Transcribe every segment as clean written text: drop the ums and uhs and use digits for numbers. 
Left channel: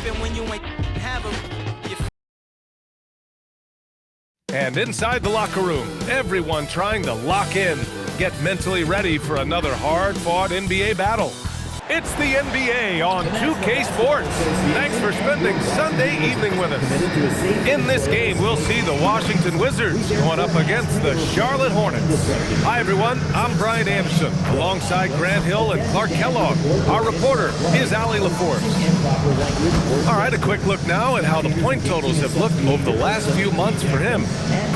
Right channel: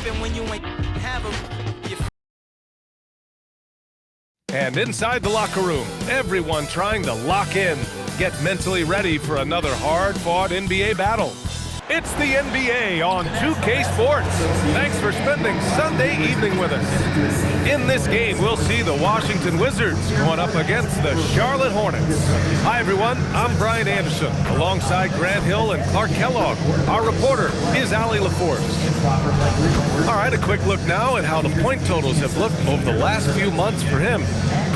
Even when you ain't have a. And inside the locker room, everyone trying to lock in, get mentally ready for another hard-fought NBA battle. It's the NBA on 2K Sports. Thanks for spending Sunday evening with us. In this game, we'll see the Washington Wizards going up against the Charlotte Hornets. Hi, everyone. I'm Brian Anderson, alongside Grant Hill and Clark Kellogg. Our reporter is Allie LaForce. All right, a quick look now at how the point totals have looked over the last few months for him.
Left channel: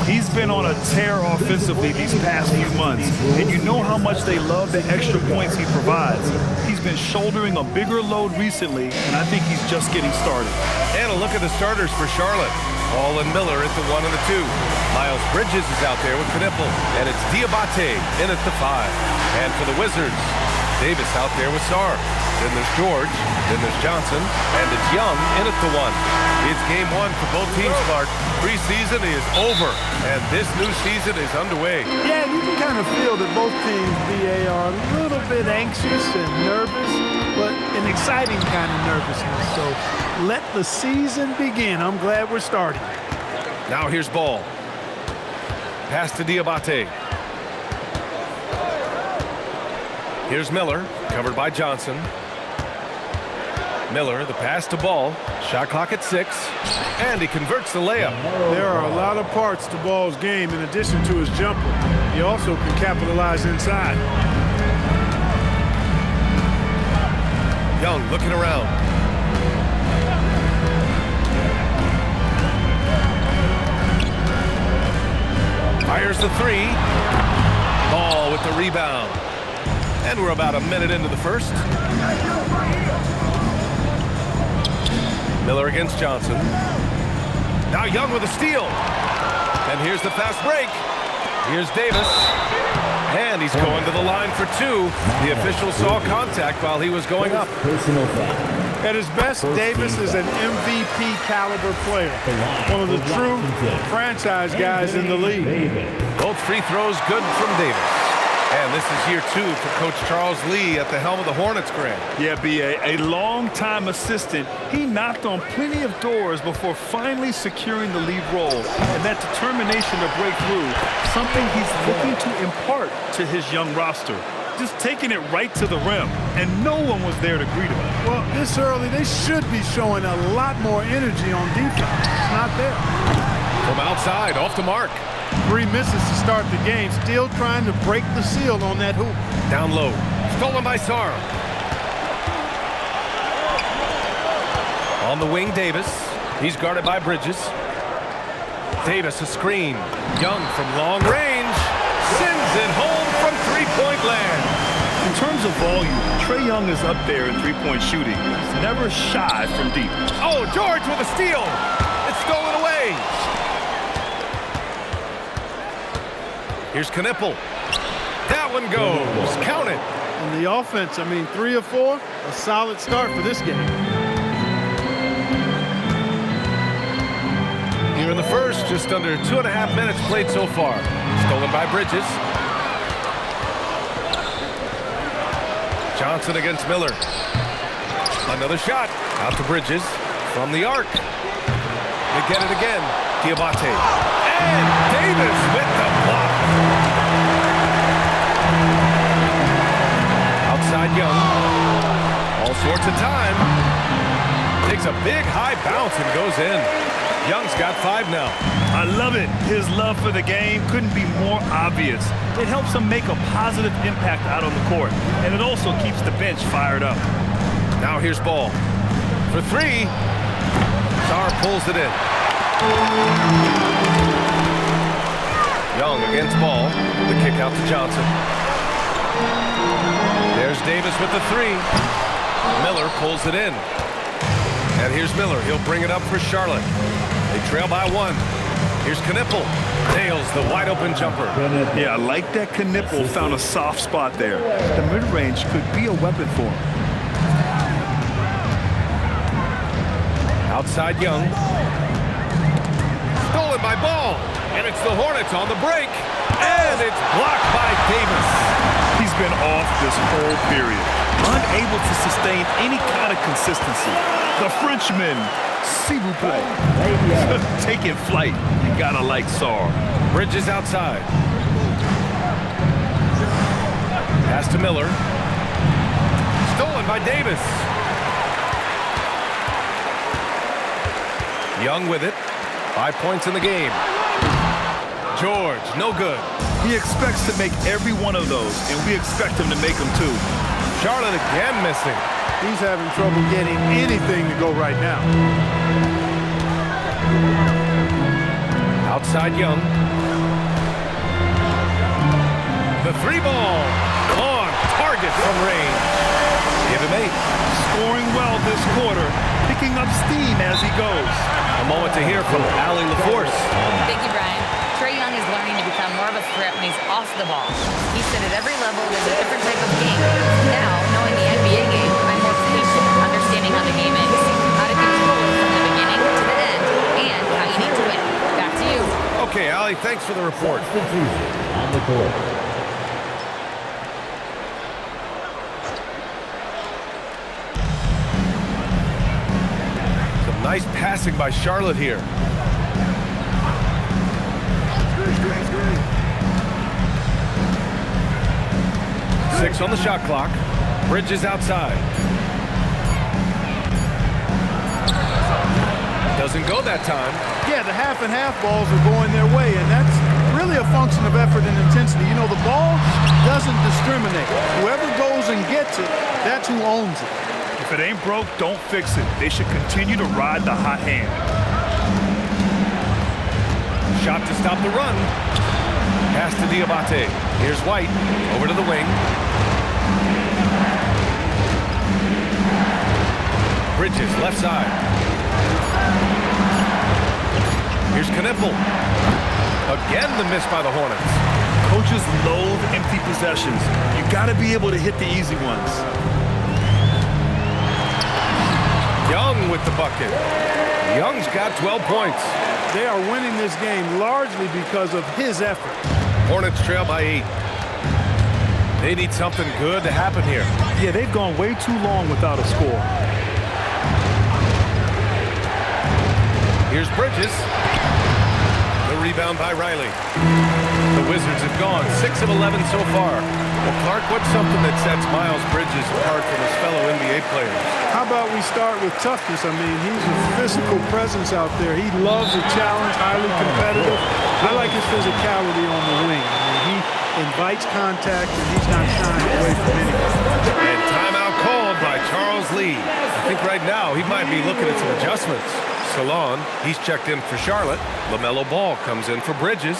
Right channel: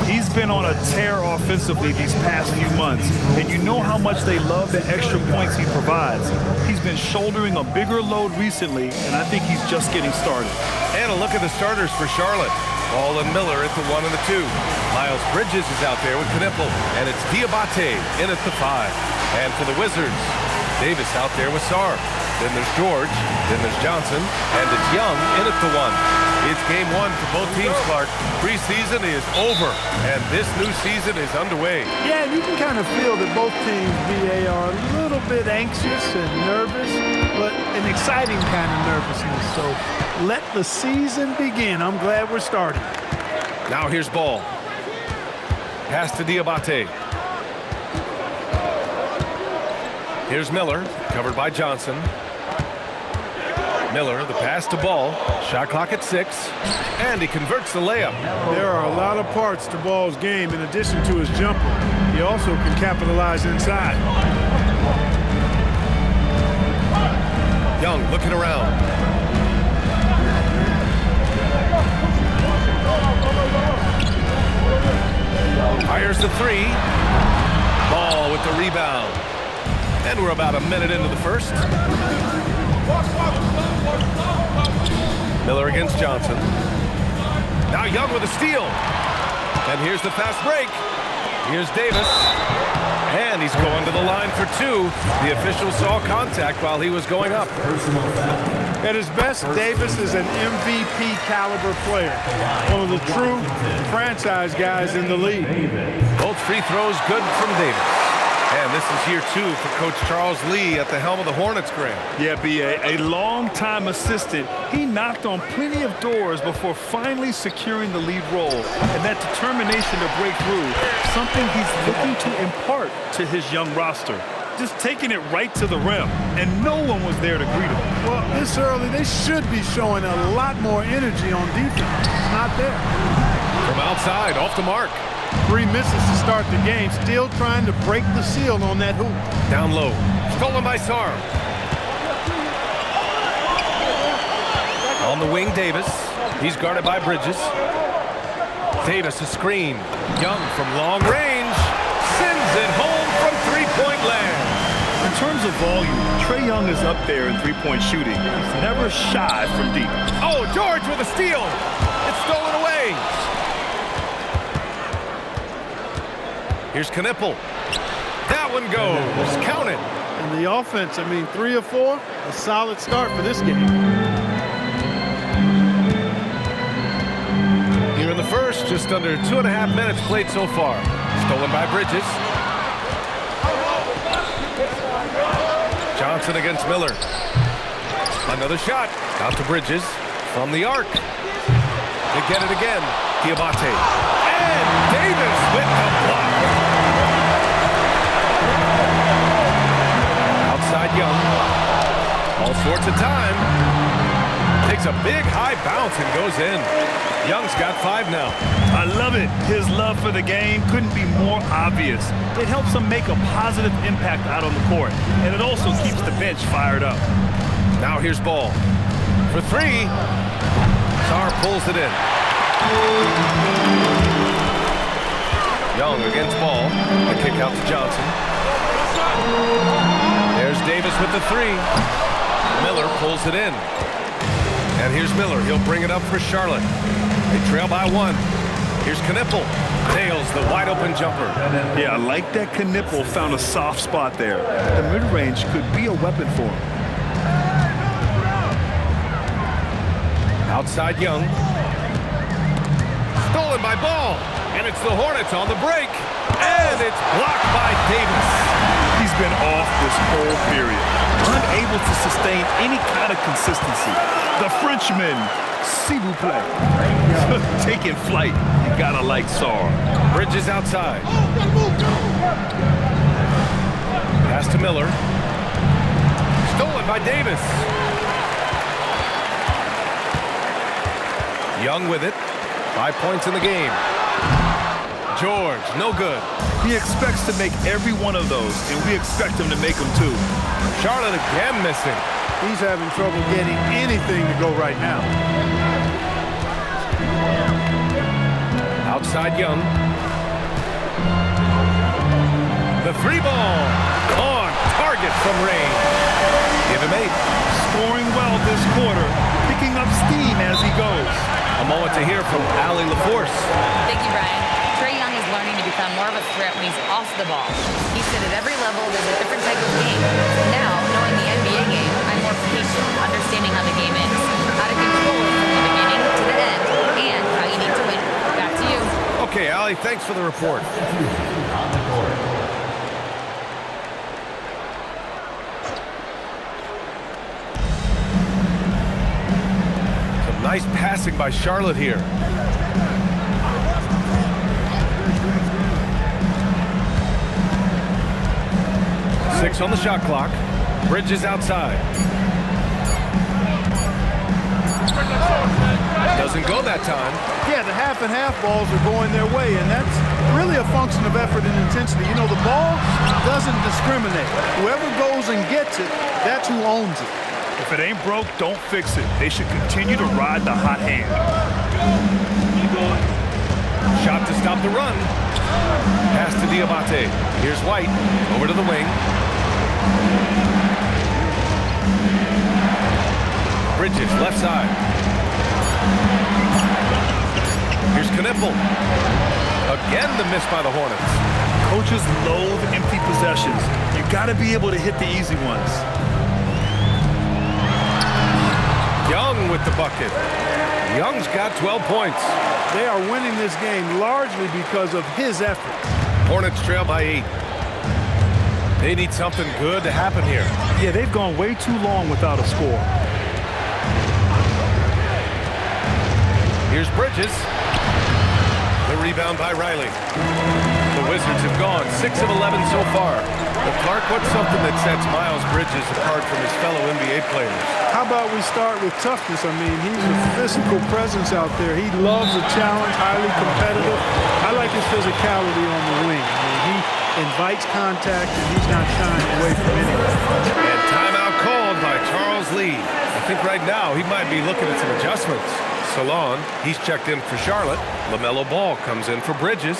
He's been on a tear offensively these past few months, and you know how much they love the extra points he provides. He's been shouldering a bigger load recently, and I think he's just getting started. And a look at the starters for Charlotte. Ball and Miller at the 1 and the 2. Miles Bridges is out there with Knipple, and it's Diabate in at the 5. And for the Wizards, Davis out there with Sarr. Then there's George, then there's Johnson, and it's Young in at the 1. It's game 1 for both teams, Clark. Preseason is over, and this new season is underway. Yeah, and you can kind of feel that both teams, BA, are a little bit anxious and nervous, but an exciting kind of nervousness. So let the season begin. I'm glad we're starting. Now here's Ball. Pass to Diabate. Here's Miller, covered by Johnson. Miller, the pass to Ball. Shot clock at 6, and he converts the layup. There are a lot of parts to Ball's game in addition to his jumper. He also can capitalize inside. Young looking around. Fires the 3. Ball with the rebound. And we're about a minute into the first. Miller against Johnson. Now Young with a steal. And here's the fast break. Here's Davis. And he's going to the line for 2. The official saw contact while he was going up. At his best, Davis is an MVP caliber player. One of the true franchise guys in the league. Both free throws good from Davis. And this is year 2 for Coach Charles Lee at the helm of the Hornets, Grant. Yeah, B.A., a long-time assistant. He knocked on plenty of doors before finally securing the lead role. And that determination to break through, something he's looking to impart to his young roster. Just taking it right to the rim, and no one was there to greet him. Well, this early, they should be showing a lot more energy on defense. It's not there. From outside, off the mark. 3 misses to start the game, still trying to break the seal on that hoop. Down low, stolen by Sarr. On the wing, Davis. He's guarded by Bridges. Davis a screen. Young from long range sends it home from three-point land. In terms of volume, Trae Young is up there in three-point shooting. He's never shy from deep. Oh, George with a steal. It's stolen away. Here's Knipple. That one goes. Count it. And the offense, 3 or 4, a solid start for this game. Here in the first, just under 2.5 minutes played so far. Stolen by Bridges. Johnson against Miller. Another shot. Out to Bridges. From the arc. They get it again. Diabate. And Davis with the block. Outside Young. All sorts of time. Takes a big high bounce and goes in. Young's got 5 now. I love it. His love for the game couldn't be more obvious. It helps him make a positive impact out on the court, and it also keeps the bench fired up. Now here's Ball. For 3. Sarr pulls it in. Young against Ball. The kick out to Johnson. There's Davis with the 3. Miller pulls it in. And here's Miller. He'll bring it up for Charlotte. They trail by 1. Here's Knipple. Nails the wide-open jumper. Yeah, I like that Knipple found a soft spot there. The mid-range could be a weapon for him. Outside Young. Stolen by Ball. And it's the Hornets on the break. And it's blocked by Davis. He's been off this whole period, unable to sustain any kind of consistency. The Frenchman, s'il vous plaît, taking flight. You gotta like Sarr. Bridges outside. Pass to Miller. Stolen by Davis. Young with it. 5 points in the game. George, no good. He expects to make every one of those, and we expect him to make them too. Charlotte again missing. He's having trouble getting anything to go right now. Outside Young. The 3 ball. On target from range. Give him 8. Scoring well this quarter, picking up steam as he goes. A moment to hear from Allie LaForce. Thank you, Brian. Trae Young is learning to become more of a threat when he's off the ball. He said at every level there's a different type of game. Now, knowing the NBA game, I'm more patient, understanding how the game is, how to control it from the beginning to the end, and how you need to win. Back to you. Okay, Allie, thanks for the report. On the court. Some nice passing by Charlotte here. Six on the shot clock. Bridges outside. Doesn't go that time. Yeah, the half and half balls are going their way, and that's really a function of effort and intensity. You know, the ball doesn't discriminate. Whoever goes and gets it, that's who owns it. If it ain't broke, don't fix it. They should continue to ride the hot hand. Shot to stop the run. Pass to Diabate. Here's White. Over to the wing. Bridges, left side. Here's Knipple. Again, the miss by the Hornets. Coaches loathe empty possessions. You got to be able to hit the easy ones. Young with the bucket. Young's got 12 points. They are winning this game largely because of his effort. Hornets trail by 8. They need something good to happen here. Yeah, they've gone way too long without a score. Here's Bridges. The rebound by Riley. The Wizards have gone 6 of 11 so far. Well, Clark, what's something that sets Miles Bridges apart from his fellow NBA players? How about we start with toughness? I mean, he's a physical presence out there. He loves a challenge, highly competitive. I like his physicality on the wing. I mean, he invites contact, and he's not shying away from anyone. And timeout called by Charles Lee. I think right now he might be looking at some adjustments. Salon, he's checked in for Charlotte. LaMelo Ball comes in for Bridges.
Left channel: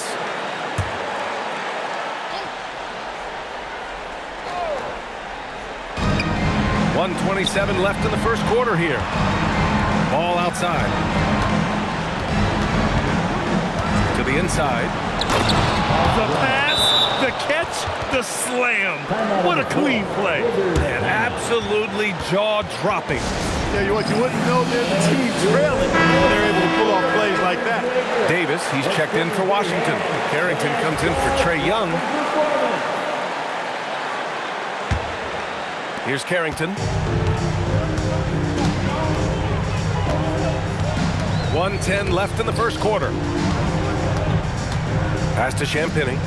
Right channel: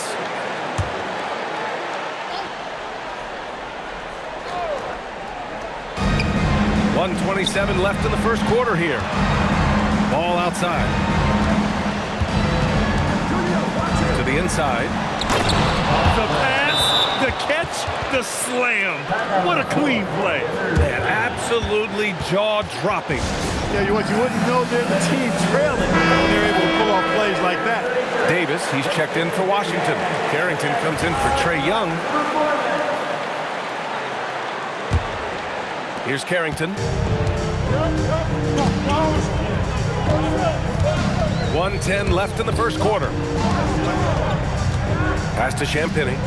.127 left in the first quarter here. Ball outside. To the inside. The pass, the catch, the slam. What a clean play. Man, absolutely jaw-dropping. Yeah, what you wouldn't know they're the team trailing when they're able to pull off plays like that. Davis, he's checked in for Washington. Carrington comes in for Trae Young. Here's Carrington. 1:10 left in the first quarter. Pass to Champagny.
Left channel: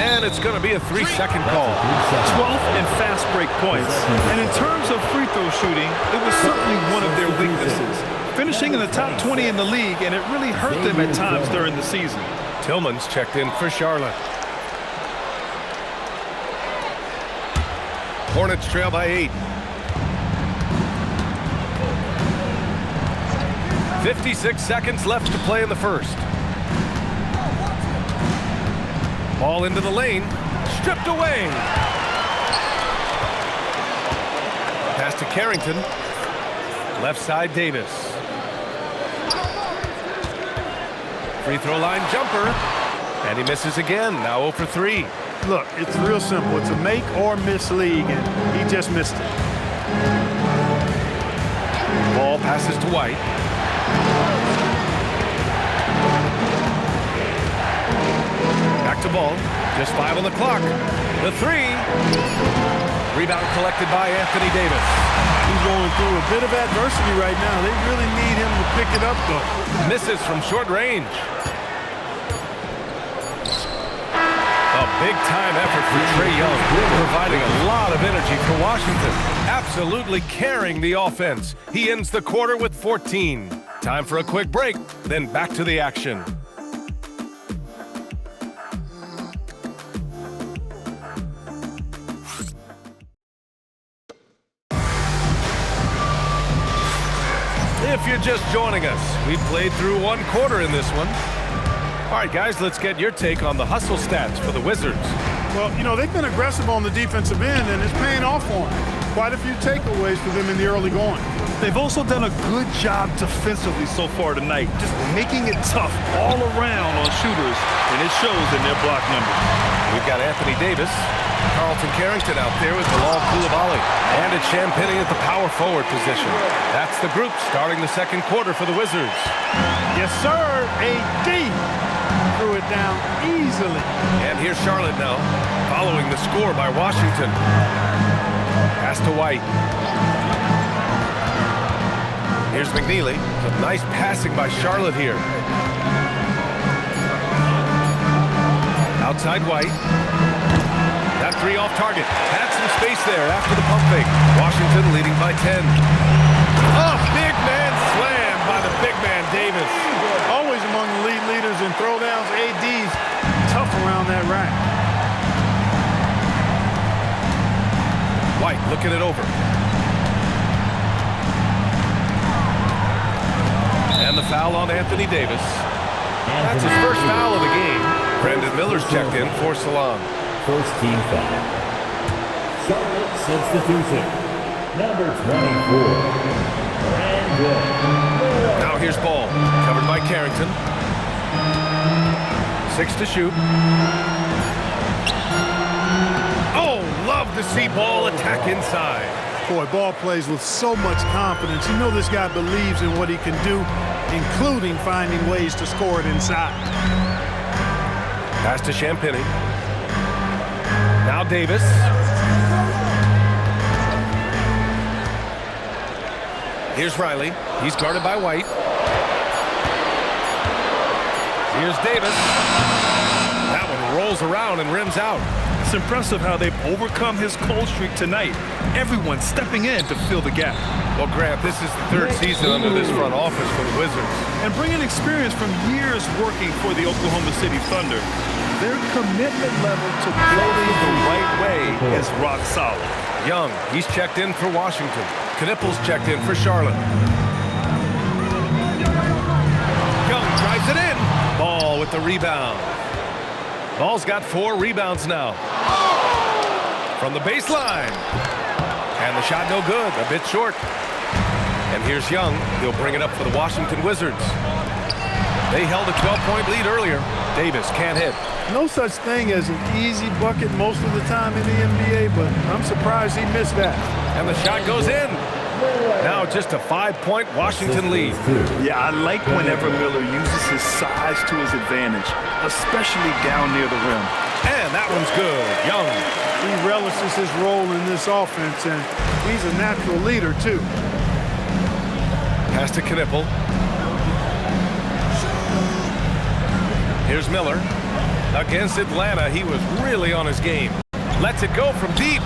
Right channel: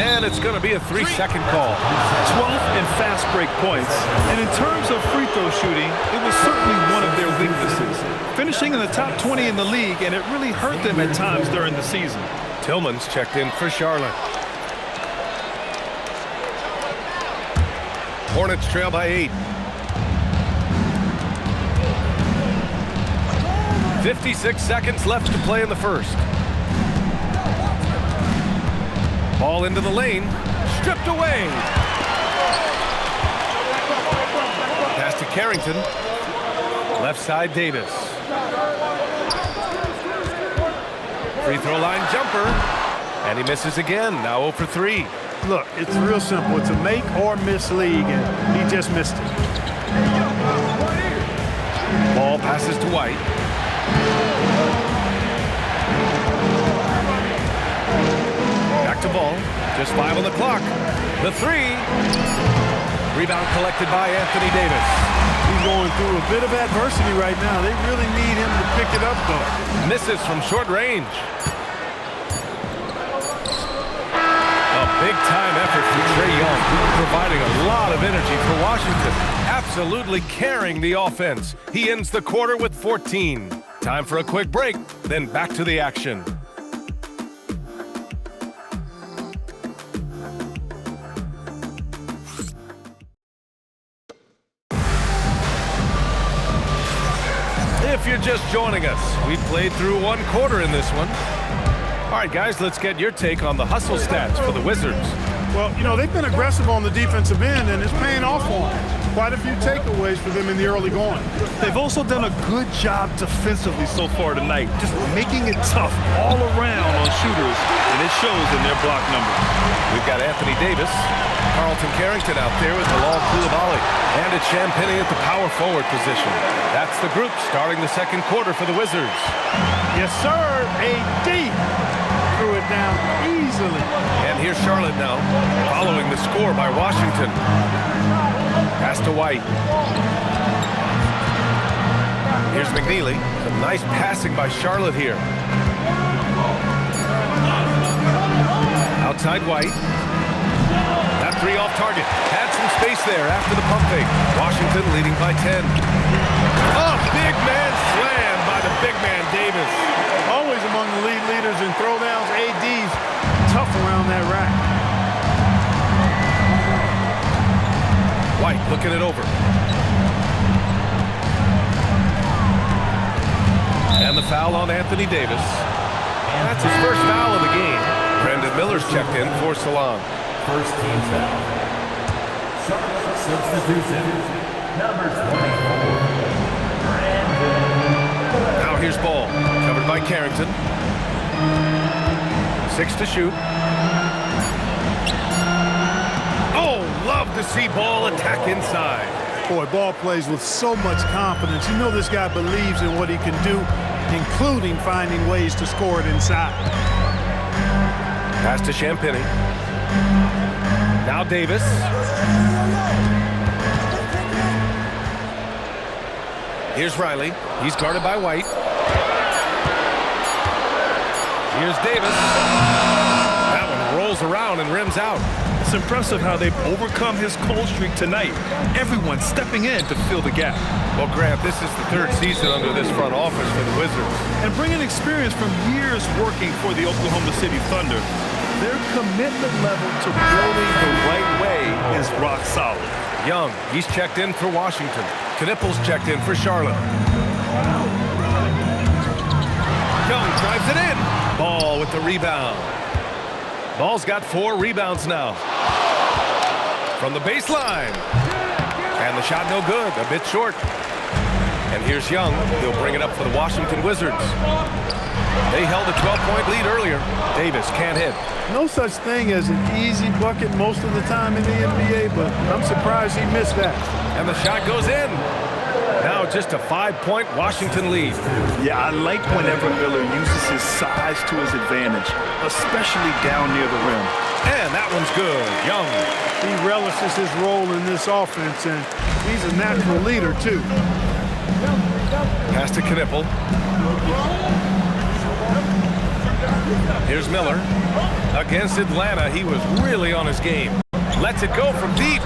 And it's going to be a 3-second call. 12th in fast break points. And in terms of free throw shooting, it was certainly one of their weaknesses. Finishing in the top 20 in the league, and it really hurt them at times during the season. Tillman's checked in for Charlotte. Hornets trail by 8. 56 seconds left to play in the first. Ball into the lane, stripped away. Pass to Carrington. Left side, Davis. Free throw line jumper. And he misses again, now 0 for 3. Look, it's real simple. It's a make or miss league, and he just missed it. Ball passes to White. Back to Ball. Just 5 on the clock. The three. Rebound collected by Anthony Davis. He's going through a bit of adversity right now. They really need him to pick it up, though. Misses from short range. A big-time effort for Trae Young, providing a lot of energy for Washington. Absolutely carrying the offense. He ends the quarter with 14. Time for a quick break, then back to the action. If you're just joining us, we played through one quarter in this one. All right, guys, let's get your take on the hustle stats for the Wizards. Well, you know, they've been aggressive on the defensive end, and it's paying off for them. Quite a few takeaways for them in the early going. They've also done a good job defensively so far tonight, just making it tough all around on shooters, and it shows in their block numbers. We've got Anthony Davis, Carlton Carrington out there with Bilal Coulibaly, and it's Champagnie at the power forward position. That's the group starting the second quarter for the Wizards. Yes, sir. AD threw it down easily. And here's Charlotte now, following the score by Washington. Pass to White. Here's McNeely. Some nice passing by Charlotte here. Outside White. That three off target. Had some space there after the pump fake. Washington leading by 10. Oh, big man slam by the big man Davis. Always among the lead leaders in throwdowns. AD's tough around that rack. White looking it over. And the foul on Anthony Davis. That's his first foul of the game. Brandon Miller's checked in for Salon. First team foul. Charlotte substitution. Number 24. Brandon. Now here's Ball. Covered by Carrington. 6 to shoot. Oh, love to see Ball attack inside. Boy, Ball plays with so much confidence. You know this guy believes in what he can do, including finding ways to score it inside. Pass to Champagnie. Now Davis. Here's Riley. He's guarded by White. Here's Davis. That one rolls around and rims out. It's impressive how they've overcome his cold streak tonight. Everyone stepping in to fill the gap. Well, Grant, this is the third season under this front office for the Wizards. And bringing experience from years working for the Oklahoma City Thunder, their commitment level to building the right way is rock solid. Young, he's checked in for Washington. Knippel's checked in for Charlotte. Young drives it in. Ball with the rebound. Ball's got 4 rebounds now. From the baseline. And the shot no good, a bit short. And here's Young. He'll bring it up for the Washington Wizards. They held a 12-point lead earlier. Davis can't hit. No such thing as an easy bucket most of the time in the NBA, but I'm surprised he missed that. And the shot goes in. Now just a 5-point Washington lead. Yeah, I like whenever Miller uses his size to his advantage, especially down near the rim. And that one's good. Young. He relishes his role in this offense, and he's a natural leader, too. Pass to Knippel. Here's Miller. Against Atlanta, he was really on his game. Lets it go from deep.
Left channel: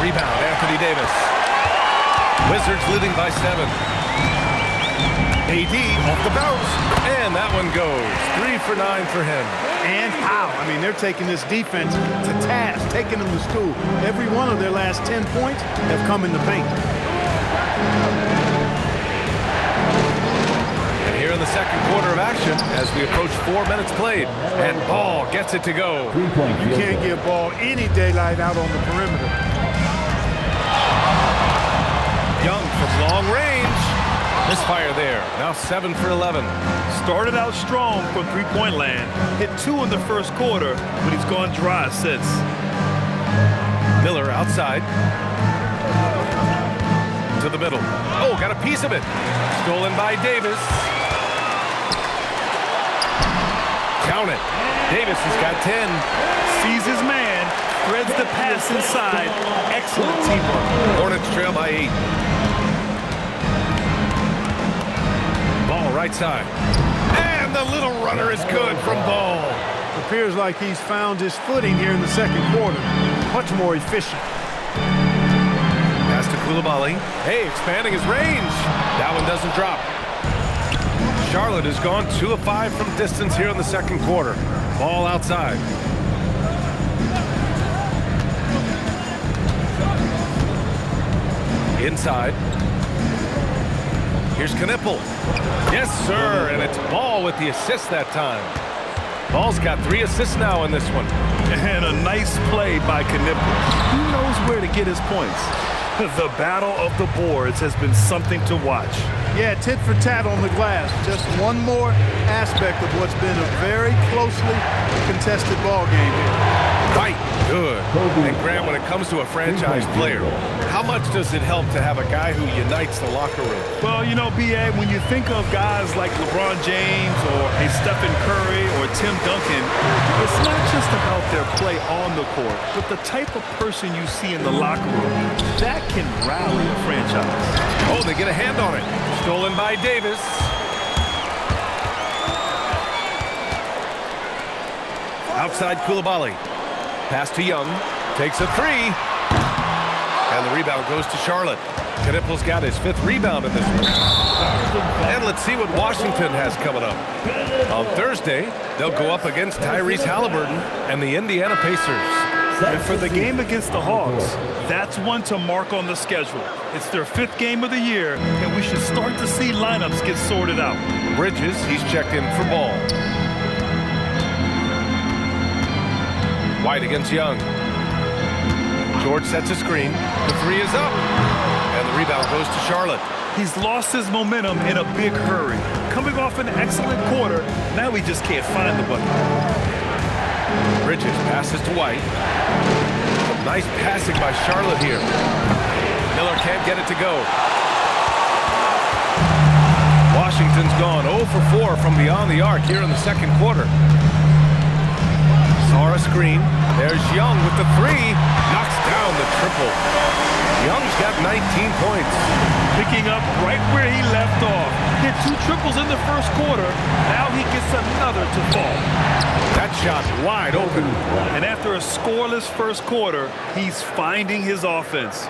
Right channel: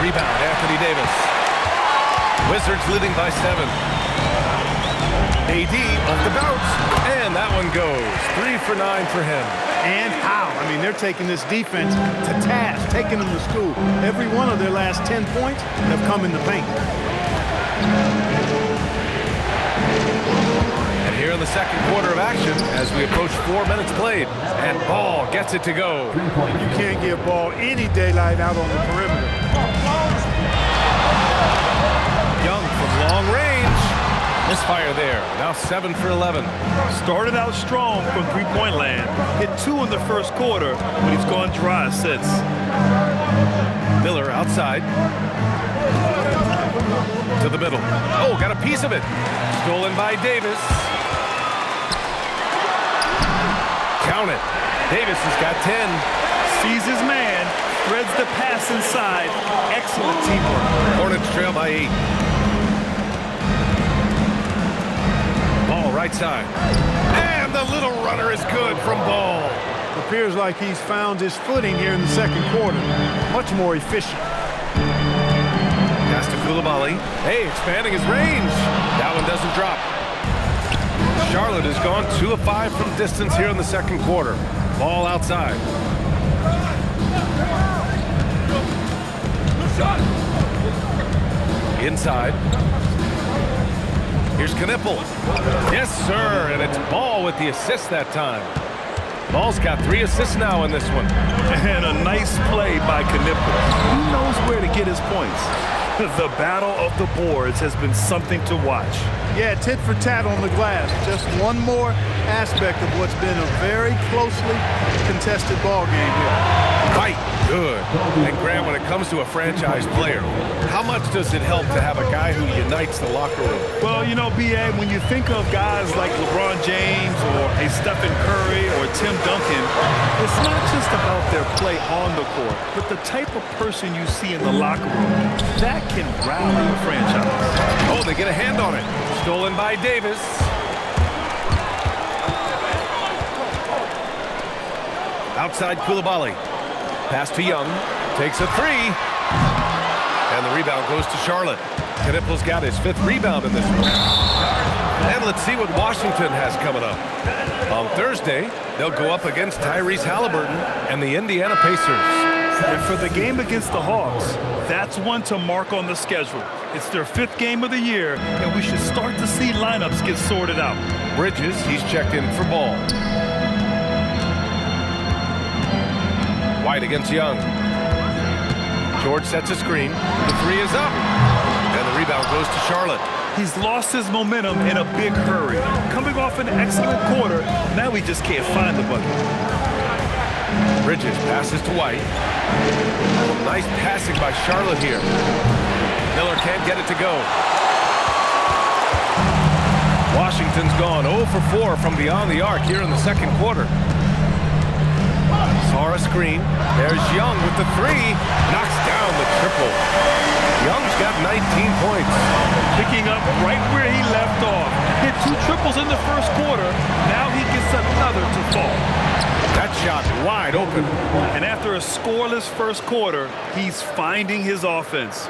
Rebound, Anthony Davis. Wizards leading by 7. AD off the bounce. And that one goes. 3 for 9 for him. And how? I mean, they're taking this defense to task, taking them to school. Every one of their last 10 points have come in the paint. And here in the second quarter of action, as we approach 4 minutes played, and Ball gets it to go. You can't give Ball any daylight out on the perimeter. Young from long range. Misfire there. Now 7 for 11. Started out strong from three-point land. Hit 2 in the first quarter, but he's gone dry since. Miller outside. To the middle. Oh, got a piece of it. Stolen by Davis. Count it. Davis has got 10. Sees his man, threads the pass inside. Excellent teamwork. Hornets trail by 8. Ball right side. And the little runner is good from Ball. Appears like he's found his footing here in the second quarter. Much more efficient. Pass to Koulibaly. Hey, expanding his range. That one doesn't drop. Charlotte has gone 2 of 5 from distance here in the second quarter. Ball outside. Inside. Here's Knipple. Yes, sir, and it's Ball with the assist that time. Ball's got 3 assists now in this one. And a nice play by Knipple. He knows where to get his points. The battle of the boards has been something to watch. Yeah, tit for tat on the glass. Just one more aspect of what's been a very closely contested ball game here. Right, good. And Grant, when it comes to a franchise player, how much does it help to have a guy who unites the locker room? Well, you know, B.A., when you think of guys like LeBron James or a Stephen Curry or Tim Duncan, it's not just about their play on the court, but the type of person you see in the locker room. That can rally a franchise. Oh, they get a hand on it. Stolen by Davis. Outside Koulibaly. Pass to Young. Takes a 3. And the rebound goes to Charlotte. Knipple's got his 5th rebound in this one. And let's see what Washington has coming up. On Thursday, they'll go up against Tyrese Halliburton and the Indiana Pacers. And for the game against the Hawks, that's one to mark on the schedule. It's their 5th game of the year, and we should start to see lineups get sorted out. Bridges, he's checked in for Ball. White against Young. George sets a screen. The 3 is up. And the rebound goes to Charlotte. He's lost his momentum in a big hurry. Coming off an excellent quarter, now he just can't find the bucket. Bridges passes to White. Some nice passing by Charlotte here. Miller can't get it to go. Washington's gone 0 for 4 from beyond the arc here in the second quarter. Saw a screen. There's Young with the 3. Knocks down the triple. Young's got 19 points. Picking up right where he left off. Hit 2 triples in the first quarter. Now he gets another to fall. That shot wide open. And after a scoreless first quarter, he's finding his offense.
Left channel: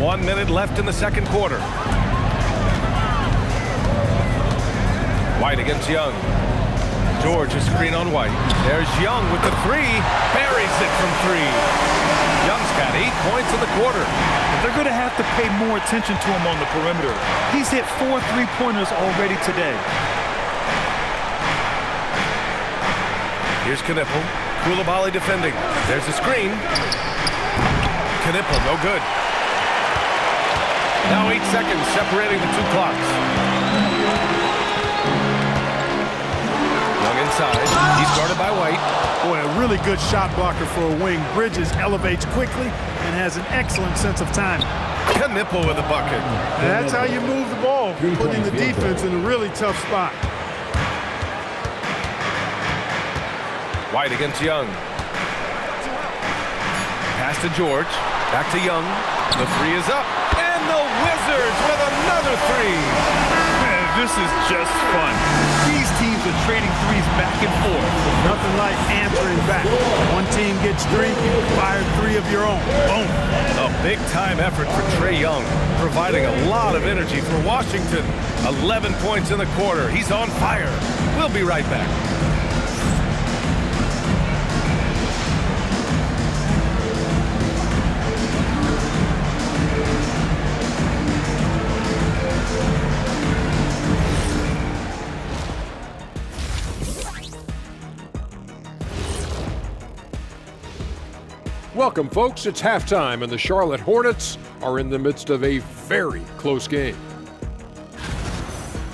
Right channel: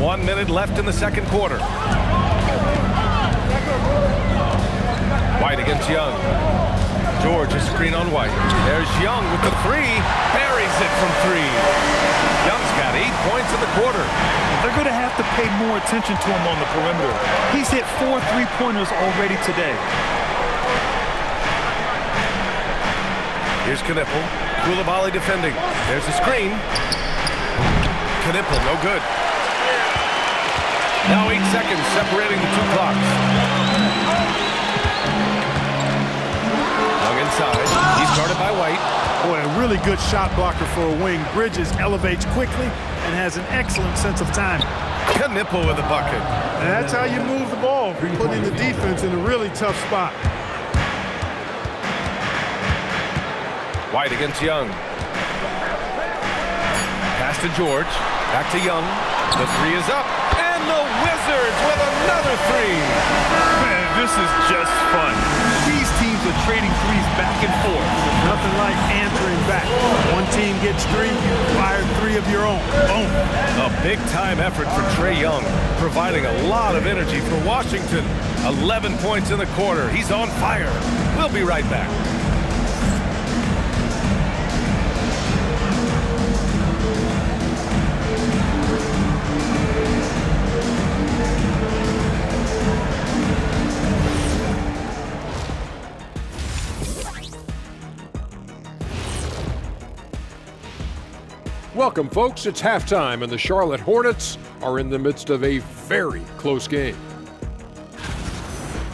1 minute left in the second quarter. White against Young. George, a screen on White. There's Young with the 3. Buries it from 3. Young's got 8 points in the quarter. They're going to have to pay more attention to him on the perimeter. He's hit 4 3-pointers already today. Here's Knipple. Koulibaly defending. There's a screen. Knipple, no good. Now 8 seconds separating the 2 clocks. Young inside. He's guarded by White. Boy, a really good shot blocker for a wing. Bridges elevates quickly and has an excellent sense of timing. Knipple with a bucket. And that's how you move the ball, putting the defense in a really tough spot. White against Young. Pass to George. Back to Young. The 3 is up. And the Wizards with another 3. Man, this is just fun. These teams are trading 3s back and forth. Nothing like answering back. One team gets 3, you fire 3 of your own. Boom. A big-time effort for Trae Young, providing a lot of energy for Washington. 11 points in the quarter. He's on fire. We'll be right back. Welcome, folks. It's halftime, and the Charlotte Hornets are in the midst of a very close game.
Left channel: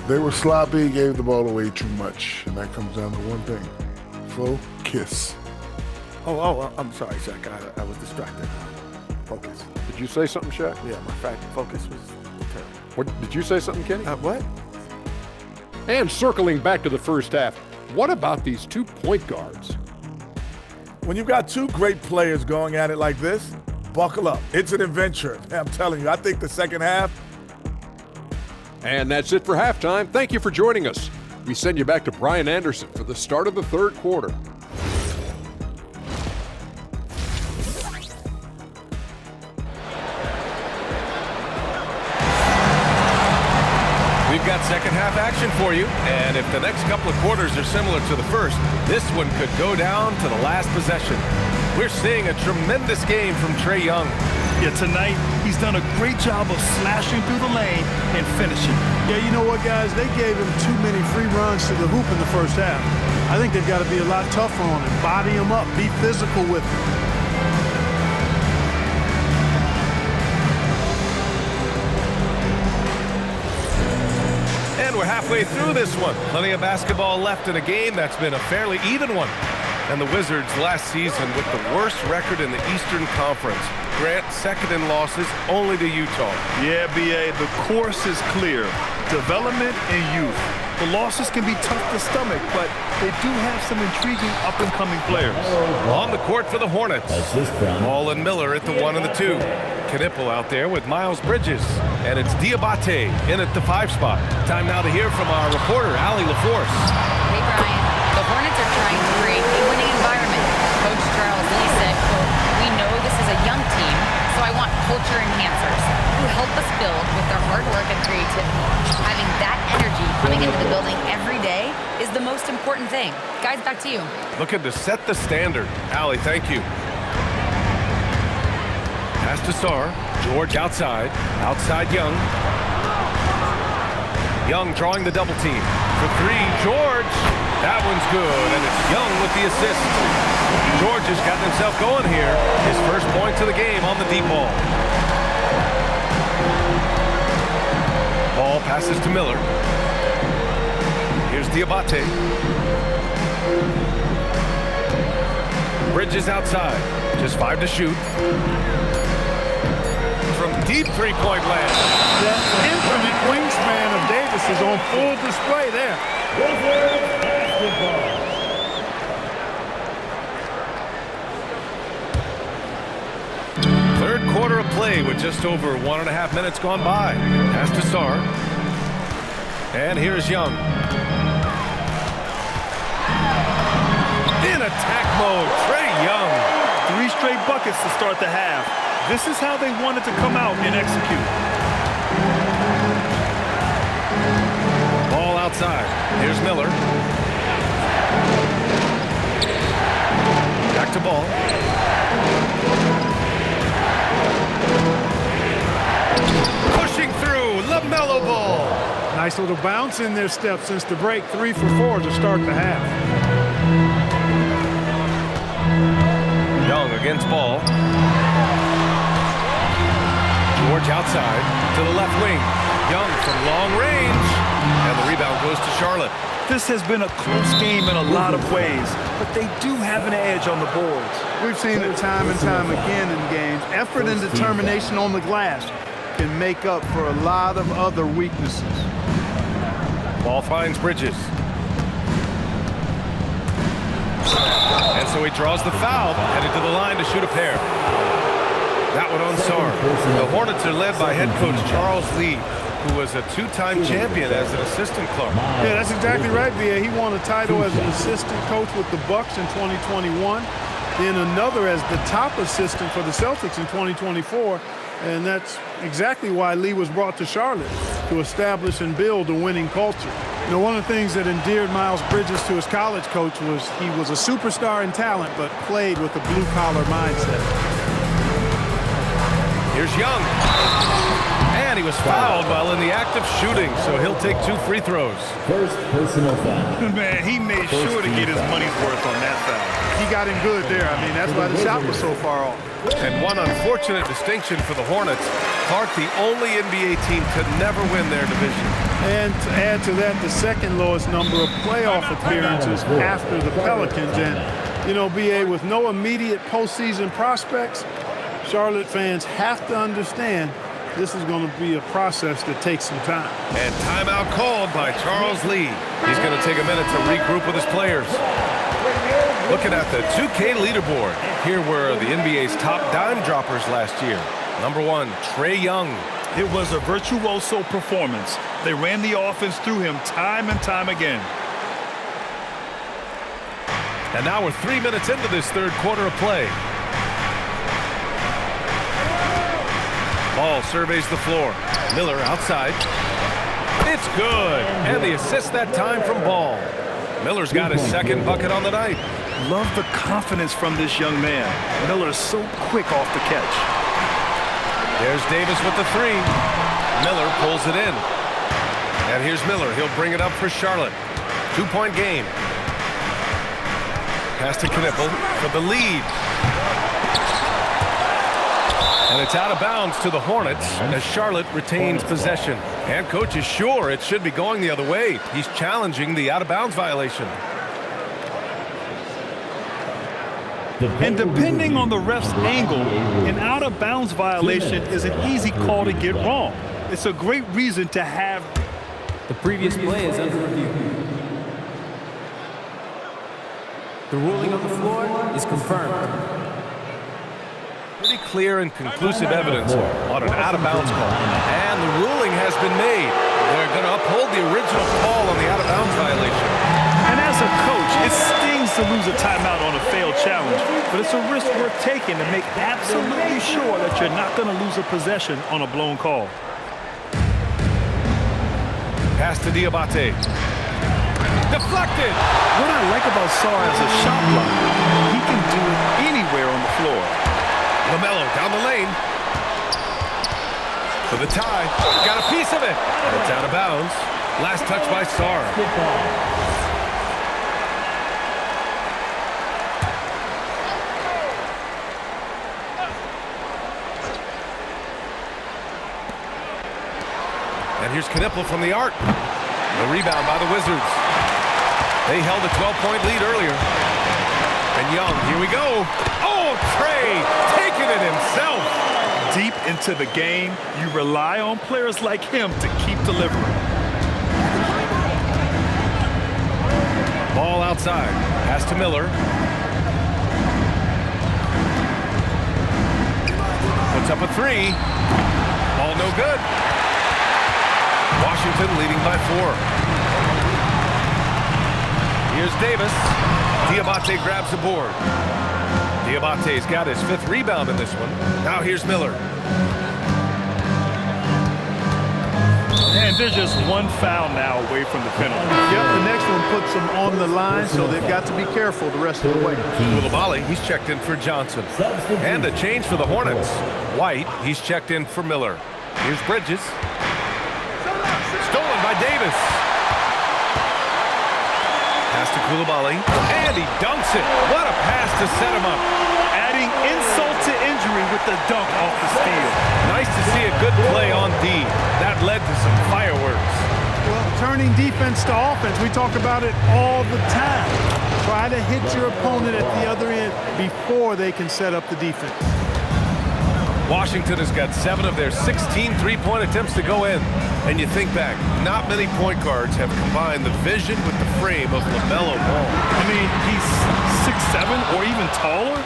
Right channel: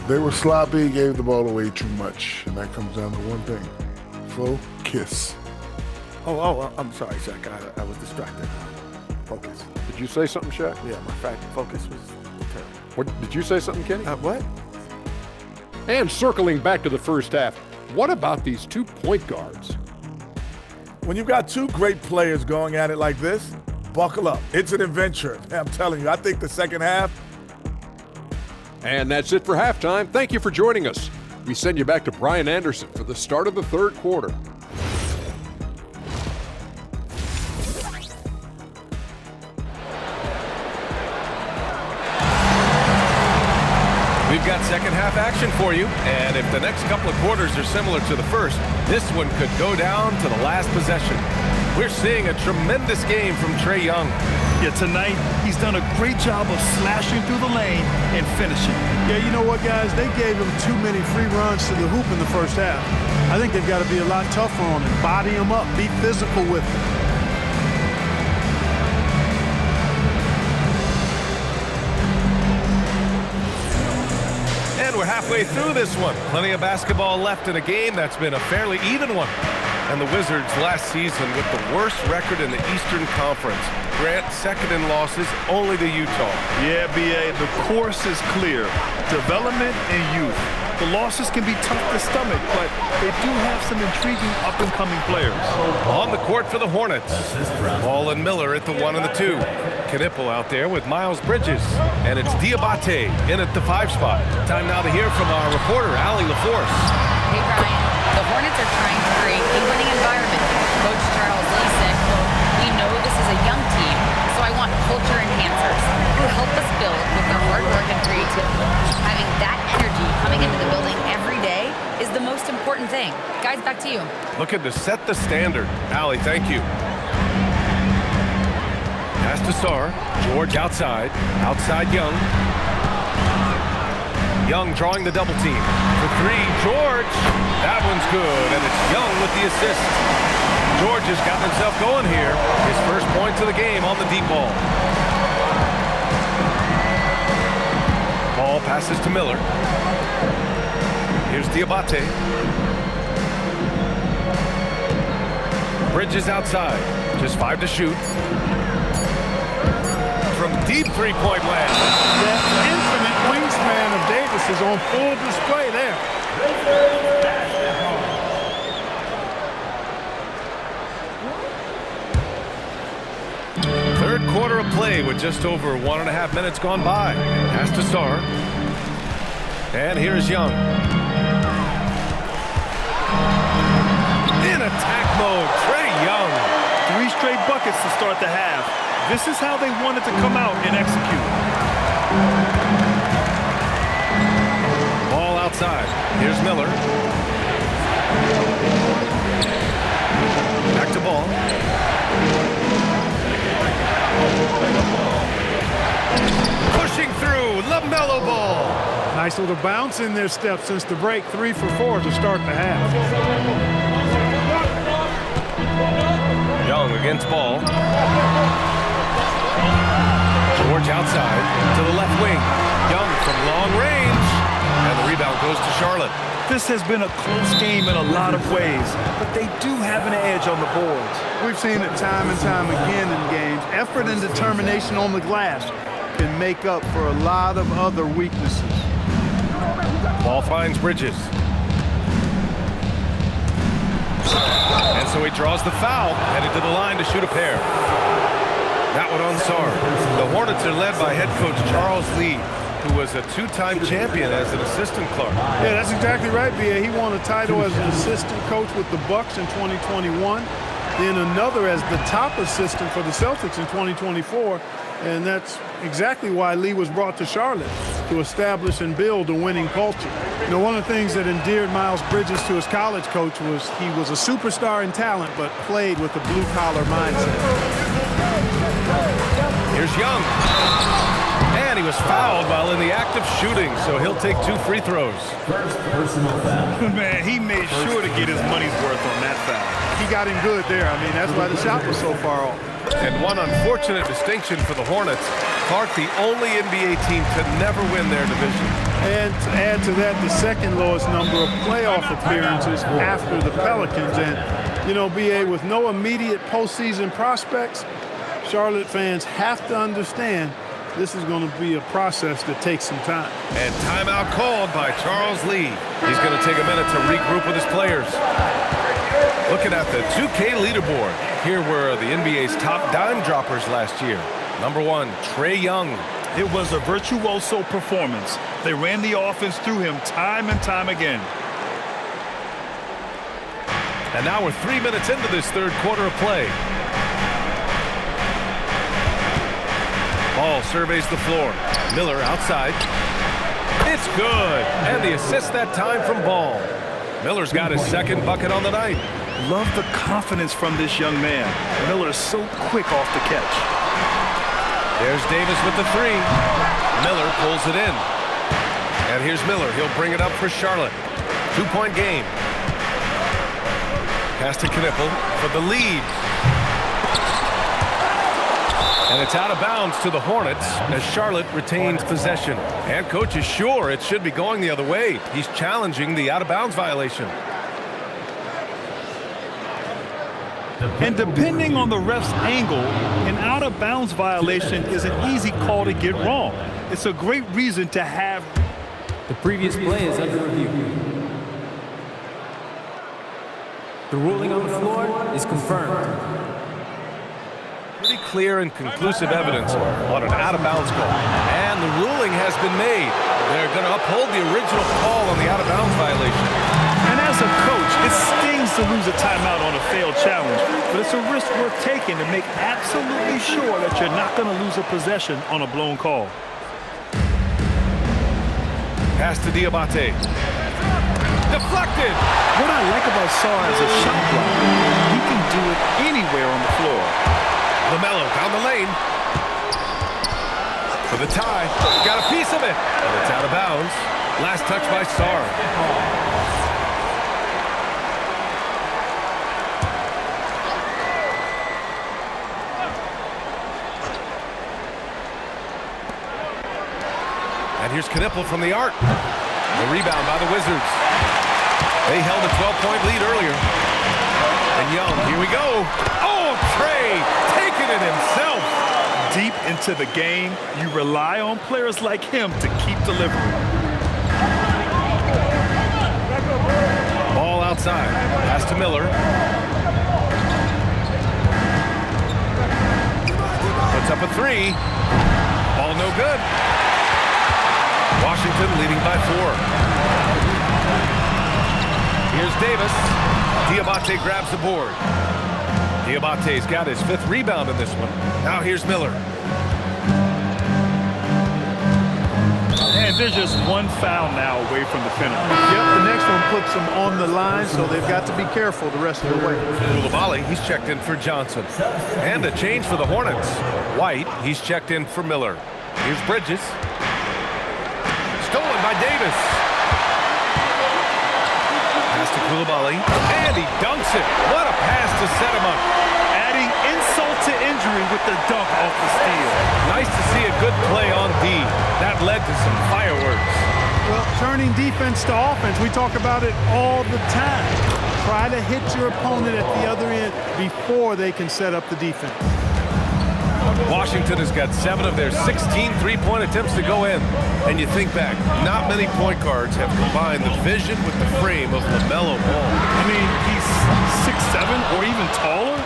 They were sloppy, gave the ball away too much, and that comes down to one thing: focus. Oh, I'm sorry, Shaq. I was distracted. Focus. Did you say something, Shaq? Yeah, my focus was terrible. What, did you say something, Kenny? What? And circling back to the first half, what about these 2 point guards? When you've got two great players going at it like this, buckle up. It's an adventure. I'm telling you, I think the second half. And that's it for halftime. Thank you for joining us. We send you back to Brian Anderson for the start of the third quarter. We've got second half action for you, and if the next couple of quarters are similar to the first, this one could go down to the last possession. We're seeing a tremendous game from Trae Young. Yeah, tonight he's done a great job of slashing through the lane and finishing. Yeah, you know what, guys? They gave him too many free runs to the hoop in the first half. I think they've got to be a lot tougher on him, body him up, be physical with him. And we're halfway through this one. Plenty of basketball left in a game that's been a fairly even one. And the Wizards last season with the worst record in the Eastern Conference. Grant second in losses only to Utah. Yeah, B.A., the course is clear. Development and youth. The losses can be tough to stomach, but they do have some intriguing up-and-coming players. On the court for the Hornets. Ball and Miller at the 1 and the 2. Knipple out there with Miles Bridges. And it's Diabate in at the 5 spot. Time now to hear from our reporter, Allie LaForce. Hey, Brian. The Hornets are trying to create a winning environment. Coach Charles Lee said, quote, "We know this is a young team, so I want culture enhancers who help us build with their hard work and creativity. Having that energy coming into the building every day is the most important thing." Guys, back to you. Looking to set the standard. Allie, thank you. Pass to Sarr. George outside. Outside Young. Young drawing the double team. For 3, George. That one's good, and it's Young with the assist. George has gotten himself going here. His first points of the game on the deep ball. Ball passes to Miller. Here's Diabate. Bridges outside. Just 5 to shoot. From deep three-point land. That infinite wingspan of Davis is on full display there. Third quarter of play with just over 1.5 minutes gone by. Pass to Sarr. And here's Young. In attack mode, Trae Young. 3 straight buckets to start the half. This is how they wanted to come out and execute. Ball outside. Here's Miller. Back to Ball. Pushing through, LaMelo Ball. Nice little bounce in their step since the break. 3 for 4 to start the half. Young against Ball. George outside to the left wing. Young from long range. And the rebound goes to Charlotte. This has been a close game in a lot of ways, but they do have an edge on the boards. We've seen it time and time again in games. Effort and determination on the glass can make up for a lot of other weaknesses. Ball finds Bridges. And so he draws the foul, headed to the line to shoot a pair. That one on Sarr. The Hornets are led by head coach Charles Lee, who was a 2-time champion as an assistant Clark. Yeah, that's exactly right, B.A. He won a title as an assistant coach with the Bucks in 2021, then another as the top assistant for the Celtics in 2024, and that's exactly why Lee was brought to Charlotte, to establish and build a winning culture. You know, one of the things that endeared Miles Bridges to his college coach was he was a superstar in talent, but played with a blue-collar mindset. Here's Young. And he was fouled while in the act of shooting, so he'll take 2 free throws. First personal foul. Man, he made sure to get his money's worth on that foul. He got him good there. I mean, that's why the shot was so far off. And one unfortunate distinction for the Hornets, Clark, the only NBA team to never win their division. And to add to that, the second lowest number of playoff appearances after the Pelicans. And, you know, B.A., with no immediate postseason prospects, Charlotte fans have to understand this is going to be a process that takes some time. And timeout called by Charles Lee. He's going to take a minute to regroup with his players. Looking at the 2K leaderboard, here were the NBA's top dime droppers last year. Number 1, Trae Young. It was a virtuoso performance. They ran the offense through him time and time again. And now we're 3 minutes into this third quarter of play. Ball surveys the floor. Miller outside. It's good. And the assist that time from Ball. Miller's got his second bucket on the night. Love the confidence from this young man. Miller's so quick off the catch. There's Davis with the 3. Miller pulls it in. And here's Miller. He'll bring it up for Charlotte. 2-point game. Pass to Knipple for the lead. And it's out of bounds to the Hornets as Charlotte retains possession. And coach is sure it should be going the other way. He's challenging the out-of-bounds violation. And depending on the ref's angle, an out-of-bounds violation is an easy call to get wrong. It's a great reason to have. The previous play is under review. The ruling on the floor is confirmed. Pretty clear and conclusive evidence on an out-of-bounds call. And the ruling has been made. They're going to uphold the original call on the out-of-bounds violation. And as a coach, it stings to lose a timeout on a failed challenge, but it's a risk worth taking to make absolutely sure that you're not going to lose a possession on a blown call. Pass to Diabate. Deflected! What I like about Sarr as a shot blocker, he can do it anywhere on the floor. LaMelo down the lane. For the tie. Got a piece of it. And it's out of bounds. Last touch by Sarr. And here's Knipple from the arc. The rebound by the Wizards. They held a 12-point lead earlier. And Young, here we go. Oh, Trae taking it himself. Deep into the game, you rely on players like him to keep delivering. Ball outside. Pass to Miller. Puts up a 3. Ball no good. Washington leading by 4. Here's Davis. Diabate grabs the board. Diabate's got his 5th rebound in this one. Now here's Miller. And there's just one foul now away from the penalty. Yep, the next one puts them on the line, so they've got to be careful the rest of the way. Koulibaly, he's checked in for Johnson. And a change for the Hornets. White, he's checked in for Miller. Here's Bridges. Stolen by Davis. Pass to Koulibaly. And he dunks it. What a pass to set him up. Adding insult to injury with the dunk off the steal. Nice to see a good play on D. That led to some fireworks. Well, turning defense to offense, we talk about it all the time. Try to hit your opponent at the other end before they can set up the defense. Washington has got 7 of their 16 three-point attempts to go in. And you think back, not many point guards have combined the vision with the frame of LaMelo Ball. I mean, he's 6'7" or even taller.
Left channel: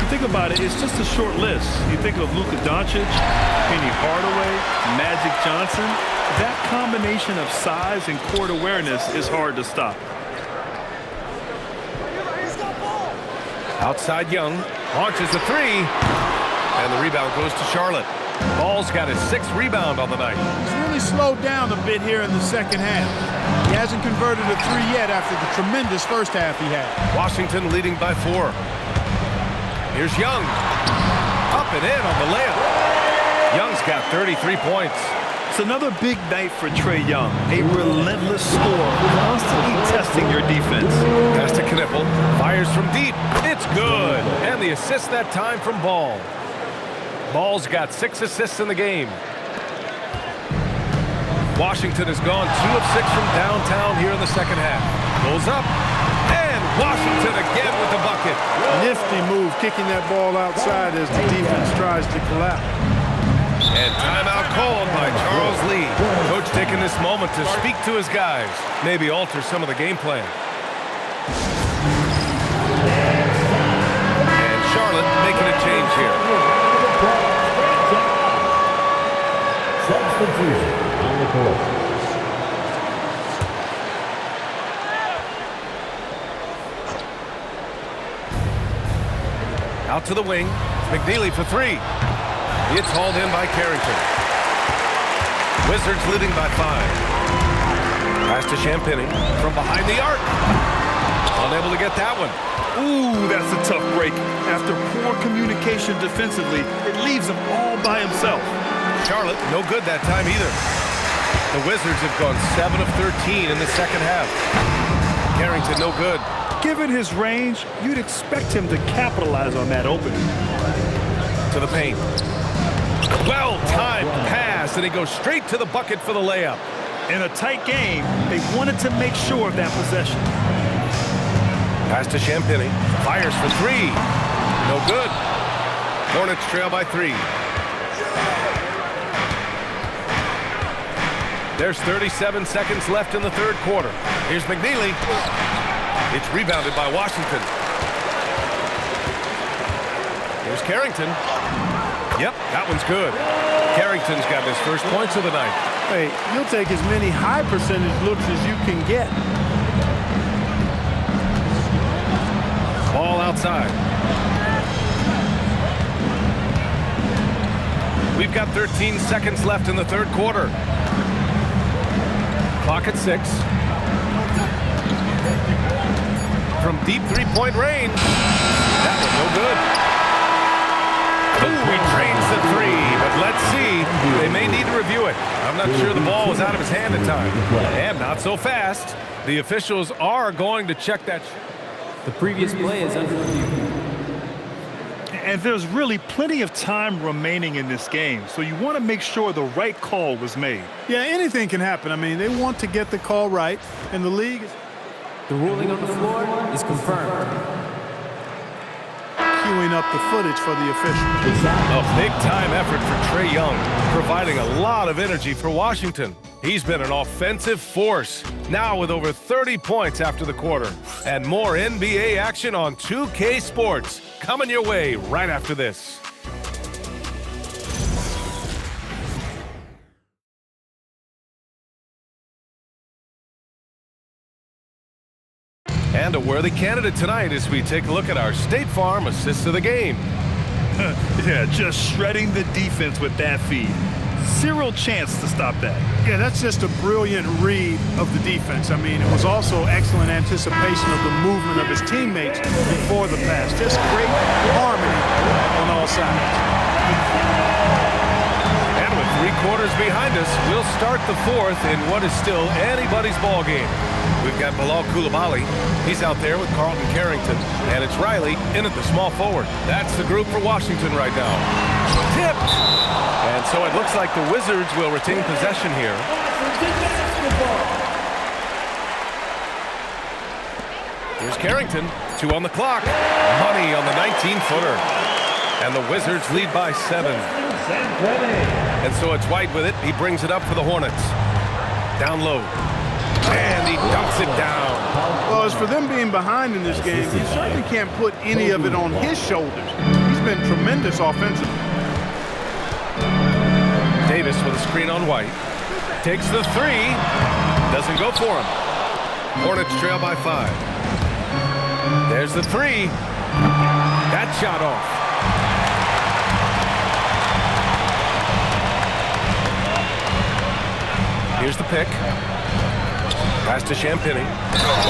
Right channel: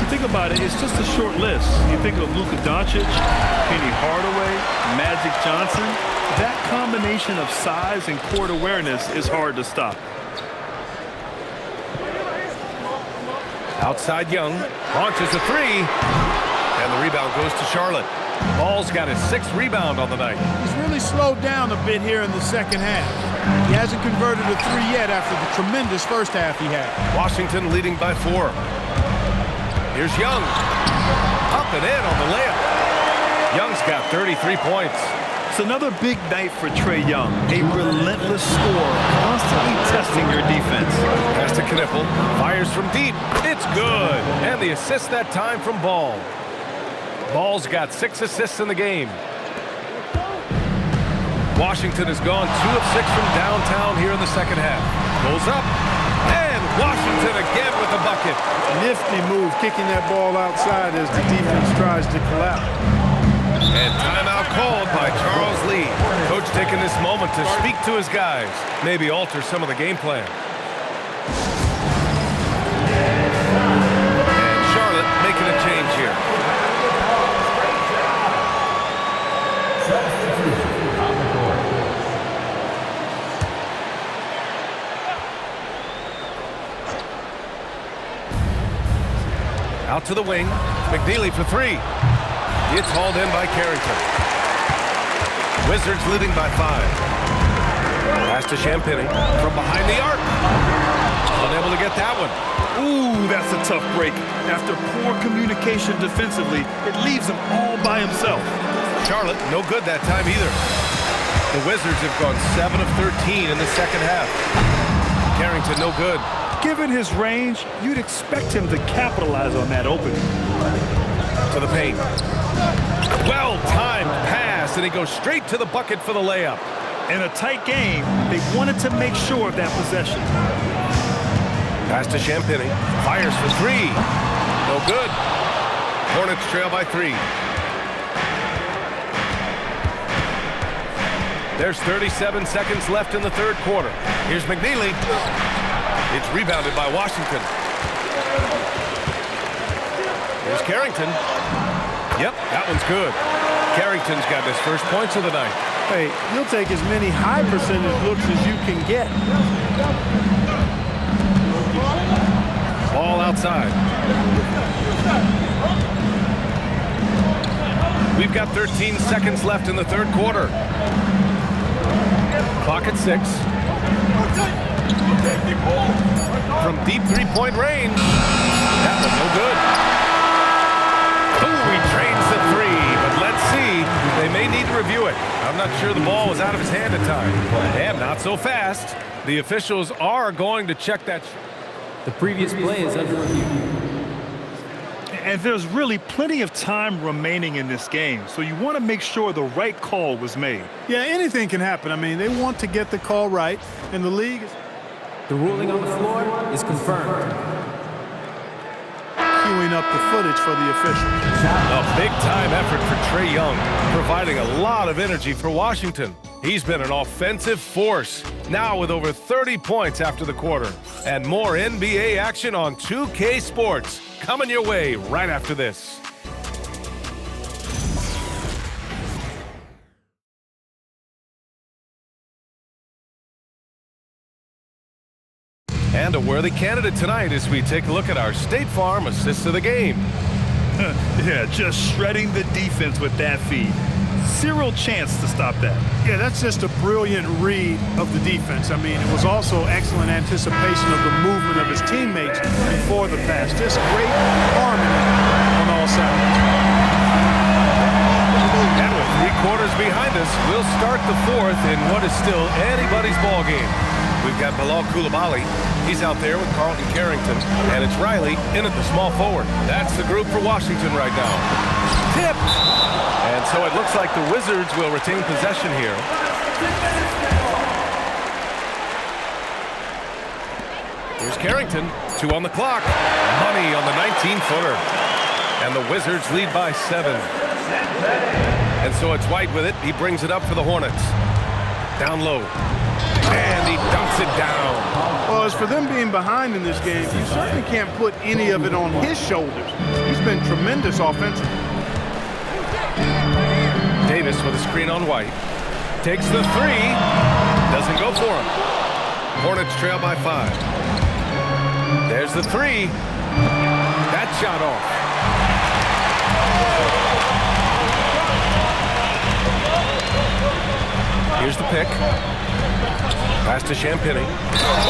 You think about it, it's just a short list. You think of Luka Doncic, Penny Hardaway, Magic Johnson. That combination of size and court awareness is hard to stop. Outside Young, launches a 3. And the rebound goes to Charlotte. Ball's got his 6th rebound on the night. He's really slowed down a bit here in the second half. He hasn't converted a 3 yet after the tremendous first half he had. Washington leading by 4. Here's Young. Up and in on the layup. Young's got 33 points. It's another big night for Trae Young. A relentless scorer, constantly testing your defense. Pass to Knipple. Fires from deep. It's good. And the assist that time from Ball. Ball's got 6 assists in the game. Washington has gone 2 of 6 from downtown here in the second half. Goes up. And Washington again with the bucket. Nifty move, kicking that ball outside as the defense tries to collapse. And timeout called by Charles Lee. Coach taking this moment to speak to his guys. Maybe alter some of the game plan. Charlotte making a change here. Substitution on the court. Out to the wing. McNeely for three. It's hauled in by Carrington. Wizards leading by 5. Pass to Champagny from behind the arc. Unable to get that one. Ooh, that's a tough break. After poor communication defensively, it leaves him all by himself. Charlotte, no good that time either. The Wizards have gone 7 of 13 in the second half. Carrington, no good. Given his range, you'd expect him to capitalize on that opening. To the paint. Well-timed pass, and he goes straight to the bucket for the layup. In a tight game, they wanted to make sure of that possession. Pass to Champagny. Fires for 3. No good. Hornets trail by 3. There's 37 seconds left in the third quarter. Here's McNeely. It's rebounded by Washington. Here's Carrington. Yep, that one's good. Carrington's got his first points of the night. Hey, you'll take as many high percentage looks as you can get. Ball outside. We've got 13 seconds left in the third quarter. Clock at 6. From deep three-point range. That one no good. Ooh, he drains the 3, but let's see. They may need to review it. I'm not sure the ball was out of his hand at time. And not so fast. The officials are going to check that. The previous play is under review. And there's really plenty of time remaining in this game, so you want to make sure the right call was made. Yeah, anything can happen. I mean, they want to get the call right, and the league is... The ruling on the floor is confirmed. Queuing up the footage for the officials. A big-time effort for Trae Young, providing a lot of energy for Washington. He's been an offensive force, now with over 30 points after the quarter. And more NBA action on 2K Sports, coming your way right after this. And a worthy candidate tonight as we take a look at our State Farm assist of the game. Yeah, just shredding the defense with that feed. Zero chance to stop that. Yeah, that's just a brilliant read of the defense. I mean, it was also excellent anticipation of the movement of his teammates before the pass. Just great harmony on all sides. And with 3 quarters behind us, we'll start the fourth in what is still anybody's ball game. We've got Bilal Coulibaly. He's out there with Carlton Carrington. And it's Riley in at the small forward. That's the group for Washington right now. Tipped! And so it looks like the Wizards will retain possession here. Here's Carrington. 2 on the clock. Money on the 19-footer. And the Wizards lead by 7. And so it's White with it. He brings it up for the Hornets. Down low. And he dunks it down. Well, as for them being behind in this game, you certainly can't put any of it on his shoulders. He's been tremendous offensively. Davis with a screen on White. Takes the 3. Doesn't go for him. Hornets trail by 5. There's the 3. That shot off. Here's the pick. Pass to Champagny.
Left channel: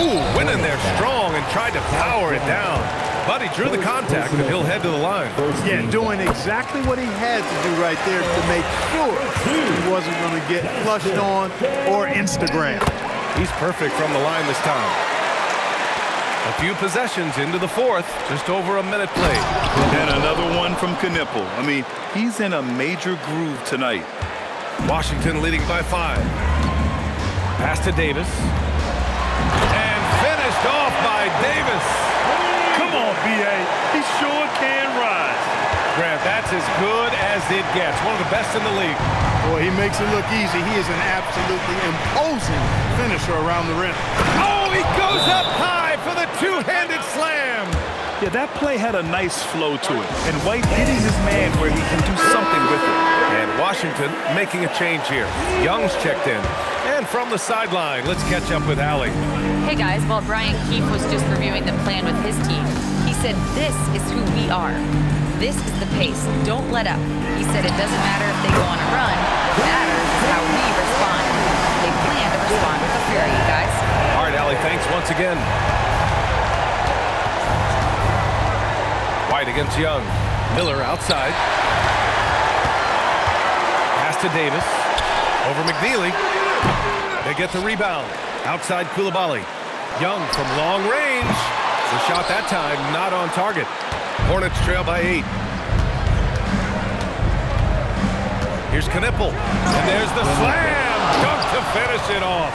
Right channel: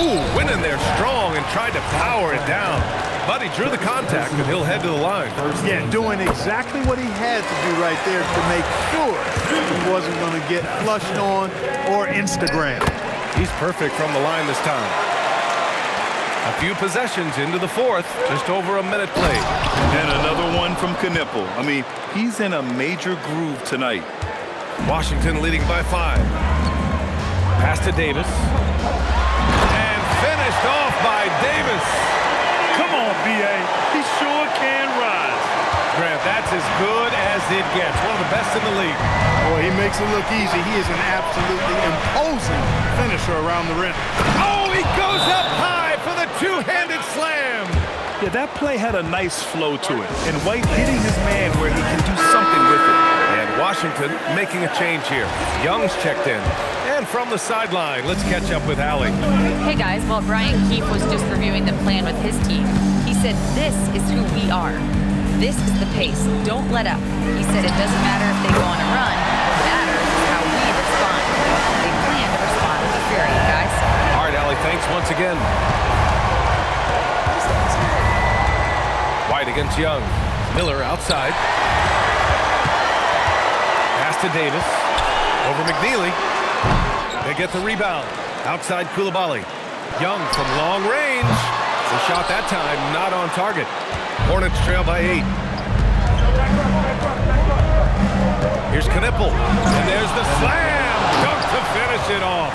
Ooh, went in there strong and tried to power it down. But he drew the contact, and he'll head to the line. Yeah, doing exactly what he had to do right there to make sure he wasn't going to get flushed on or Instagram. He's perfect from the line this time. A few possessions into the fourth, just over a minute played. And another one from Knipple. I mean, he's in a major groove tonight. Washington leading by 5. Pass to Davis. And finished off by Davis. Come on, B.A. He sure can rise. Grant, that's as good as it gets. One of the best in the league. Boy, he makes it look easy. He is an absolutely imposing finisher around the rim. Oh, he goes up high for the 2-handed slam. Yeah, that play had a nice flow to it. And White hitting his man where he can do something with it. And Washington making a change here. Young's checked in. And from the sideline, let's catch up with Allie. Hey guys, while Brian Keefe was just reviewing the plan with his team, he said this is who we are. This is the pace. Don't let up. He said it doesn't matter if they go on a run. What matters is how we respond. They plan to respond with a fury, guys. All right, Allie, thanks once again. White against Young. Miller outside. Pass to Davis. Over McNeely. They get the rebound. Outside Coulibaly. Young from long range. The shot that time not on target. Hornets trail by 8. Here's Knipple. And there's the slam. Dunk to finish it off.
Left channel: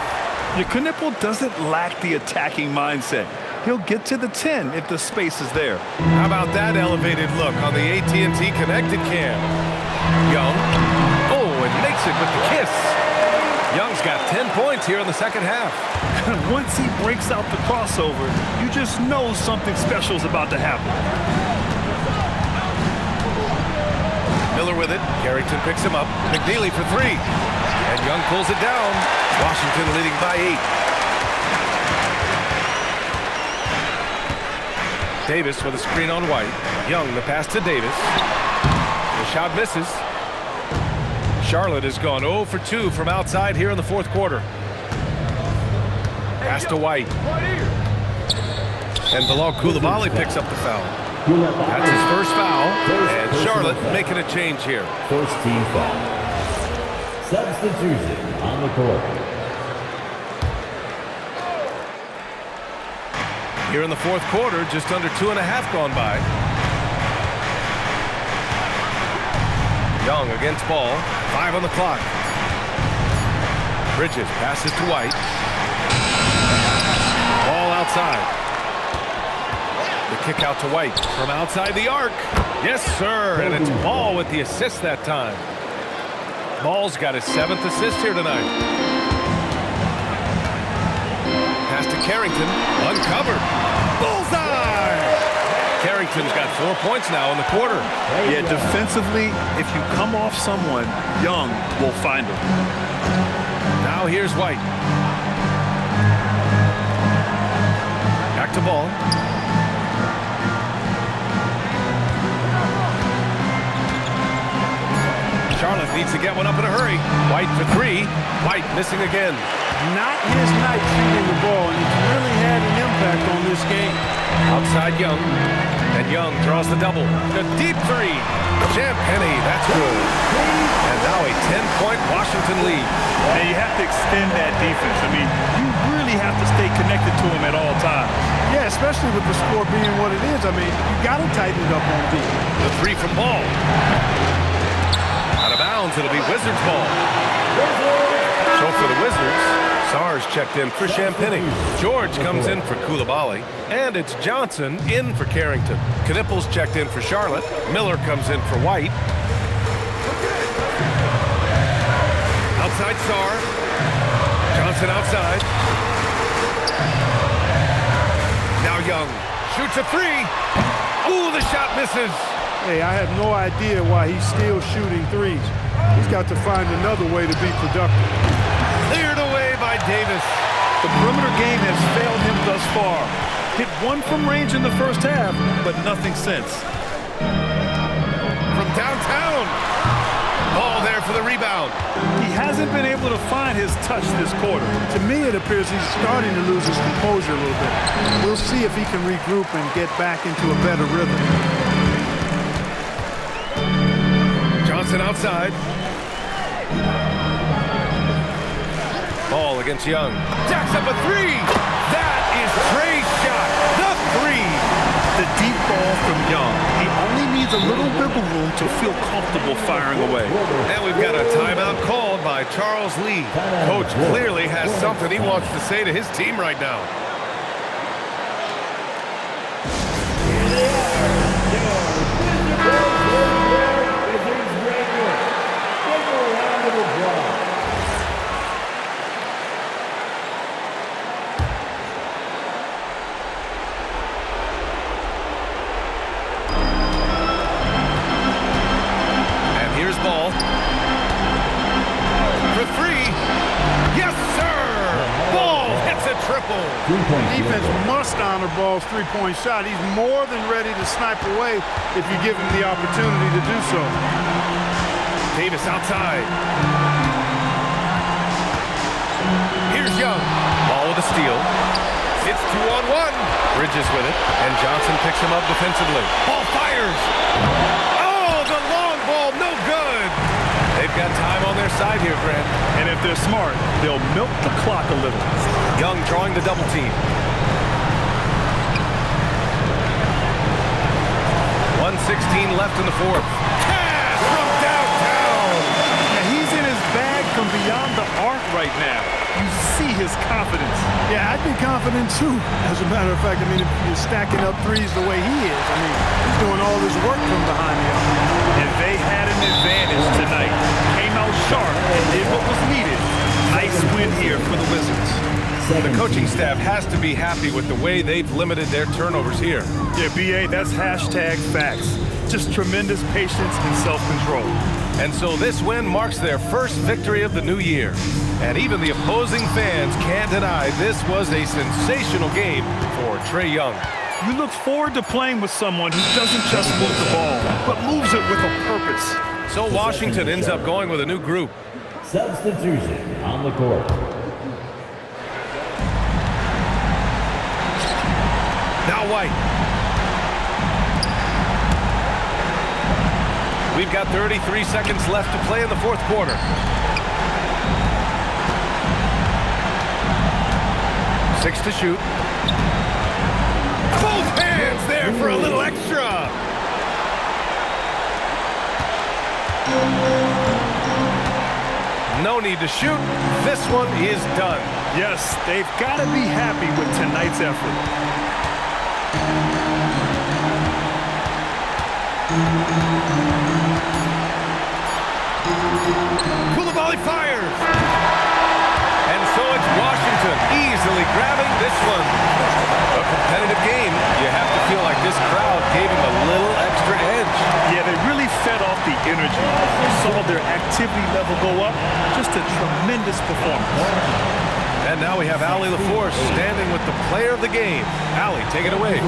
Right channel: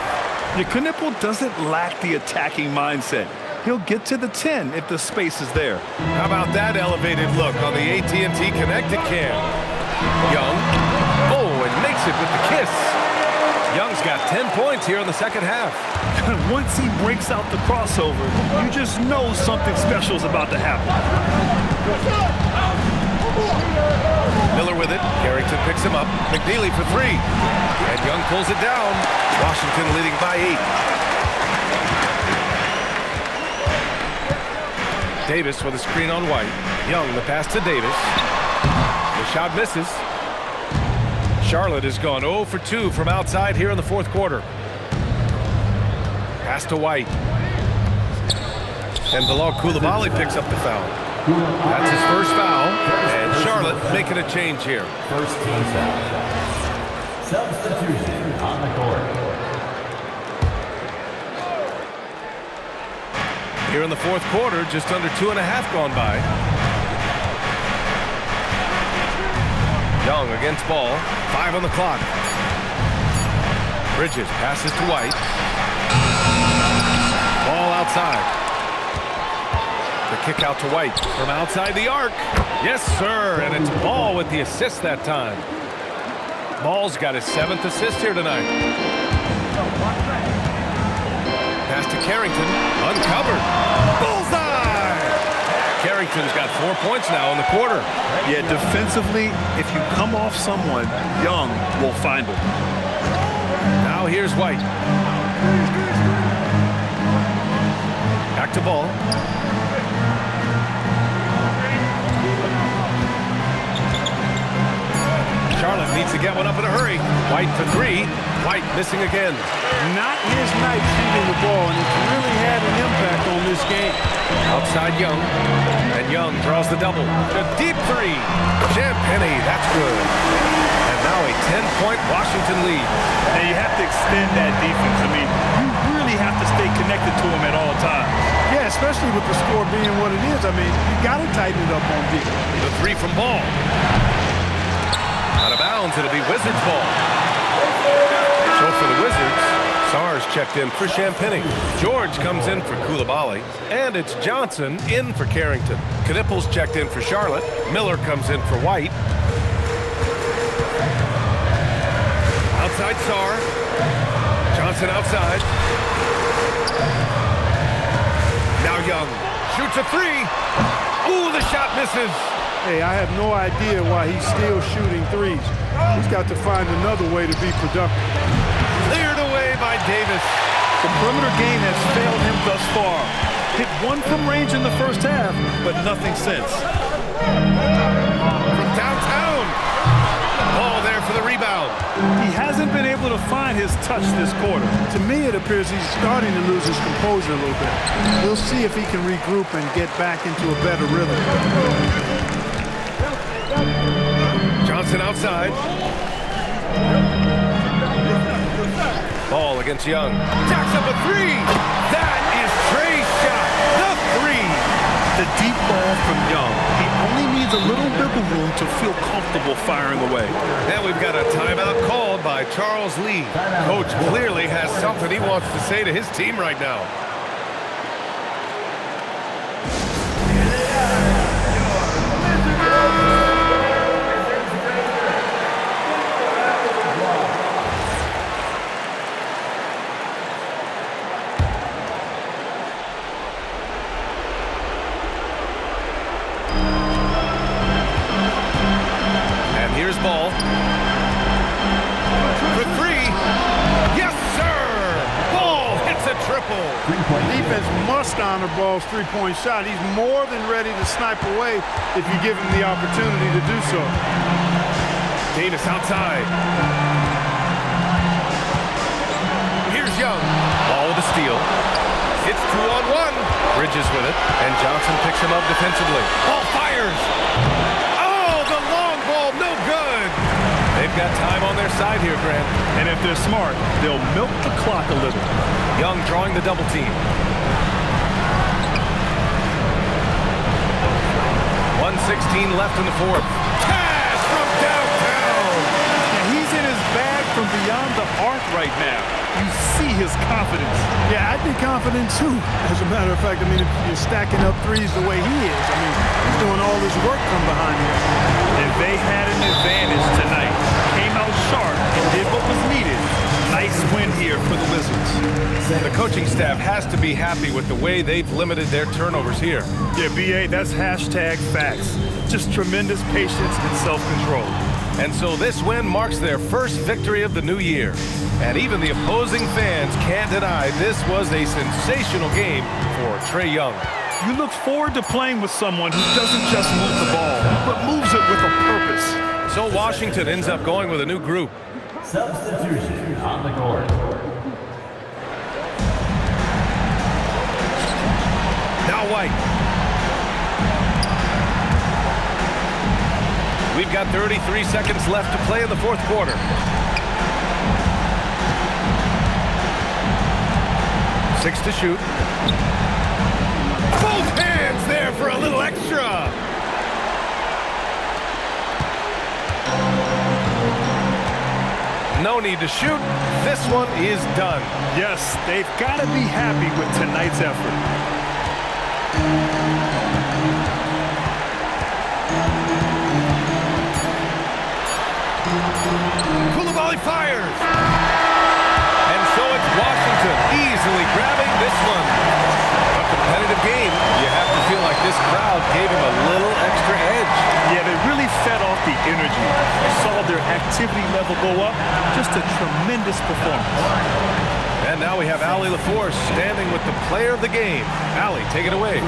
Yeah, Knipple doesn't lack the attacking mindset. He'll get to the 10 if the space is there. How about that elevated look on the AT&T connected cam? Young. Oh, and makes it with the kiss. Young's got 10 points here in the second half. Once he breaks out the crossover, you just know something special is about to happen. Miller with it. Carrington picks him up. McNeely for 3. And Young pulls it down. Washington leading by 8. Davis with a screen on White. Young the pass to Davis. The shot misses. Charlotte has gone 0 for 2 from outside here in the fourth quarter. Pass to White. And Bilal Coulibaly picks up the foul. That's his first foul. And Charlotte making a change here. First team foul. Substitution on the court. Here in the fourth quarter, just under 2.5 gone by. Young against ball. 5 on the clock. Bridges passes to White. Ball outside. The kick out to White from outside the arc. Yes, sir. And it's Ball with the assist that time. Ball's got his 7th assist here tonight. Pass to Carrington. Uncovered. Bullseye! Carrington's got 4 points now in the quarter. Yeah, defensively, if you come off someone, Young will find him. Now here's White. Back to Ball. Charlotte needs to get one up in a hurry. White for 3. White missing again. Not his night shooting the ball, and it's really had an impact on this game. Outside Young. And Young draws the double. A deep 3. Champagny, that's good. And now a 10-point Washington lead. Now you have to extend that defense. I mean, you really have to stay connected to him at all times. Yeah, especially with the score being what it is. I mean, you got to tighten it up on defense. The 3 from Ball. Out of bounds, it'll be Wizards ball. So for the Wizards, Sarge checked in for Champagny. George comes in for Coulibaly. And it's Johnson in for Carrington. Knipple's checked in for Charlotte. Miller comes in for White. Outside Sarr. Johnson outside. Now Young shoots a 3. Ooh, the shot misses. Hey, I have no idea why he's still shooting 3s. He's got to find another way to be productive. Cleared away by Davis. The perimeter game has failed him thus far. Hit 1 from range in the first half, but nothing since. From downtown. Ball there for the rebound. He hasn't been able to find his touch this quarter. To me, it appears he's starting to lose his composure a little bit. We'll see if he can regroup and get back into a better rhythm. Johnson outside. Ball against Young. Jacks up a 3. That is Trae's shot. The 3. The deep ball from Young. He only needs a little wiggle room to feel comfortable firing away. And we've got a timeout called by Charles Lee. Coach clearly has something he wants to say to his team right now. his ball. For three. Yes, sir! Ball hits a triple. Defense must honor Ball's three-point shot. He's more than ready to snipe away if you give him the opportunity to do so. Davis outside. Here's Young. Ball with a steal. It's 2-on-1. Bridges with it, and Johnson picks him up defensively. Ball fires. Oh, the long ball, no good. They've got time on their side here, Grant. And if they're smart, they'll milk the clock a little. Young drawing the double team. 1:16 left in the fourth. Cash from downtown. Yeah, he's in his bag from beyond the arc right now. You see his confidence. Yeah, I'd be confident too. As a matter of fact, I mean, if you're stacking up threes the way he is, I mean, he's doing all this work from behind the arc. And they had an advantage tonight. Came out sharp and did what was needed. Nice win here for the Wizards. The coaching staff has to be happy with the way they've limited their turnovers here. Yeah, BA, that's hashtag facts. Just tremendous patience and self-control. And so this win marks their first victory of the new year. And even the opposing fans can't deny this was a sensational game for Trae Young. You look forward to playing with someone who doesn't just move the ball, but moves it with a purpose. So Washington ends up going with a new group. Substitution on the court. Now White. We've got 33 seconds left to play in the fourth quarter. 6 to shoot. Both hands there for a little extra. No need to shoot. This one is done. Yes, they've got to be happy with tonight's effort. Koulibaly fires. And so it's Washington easily grabbing this one. A competitive game. You have to feel like this crowd gave him a little extra edge. Yeah, they really fed off the energy. You saw their activity level go up. Just a tremendous performance. And now we have Allie LaForce standing with the player of the game. Allie, take it away.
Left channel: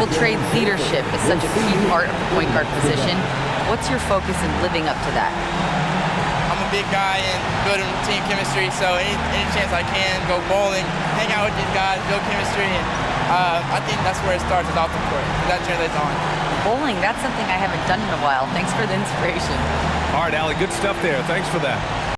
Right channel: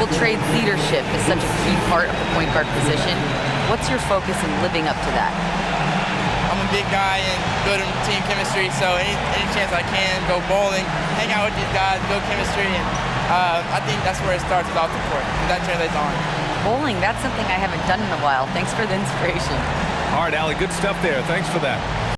Well, Trae's leadership is such a key part of the point guard position. What's your focus in living up to that? I'm a big guy and building team chemistry, so any chance I can, go bowling, hang out with these guys, build chemistry, and I think that's where it starts, is off the court, and that translates on. Bowling, that's something I haven't done in a while. Thanks for the inspiration. All right, Allie, good stuff there. Thanks for that.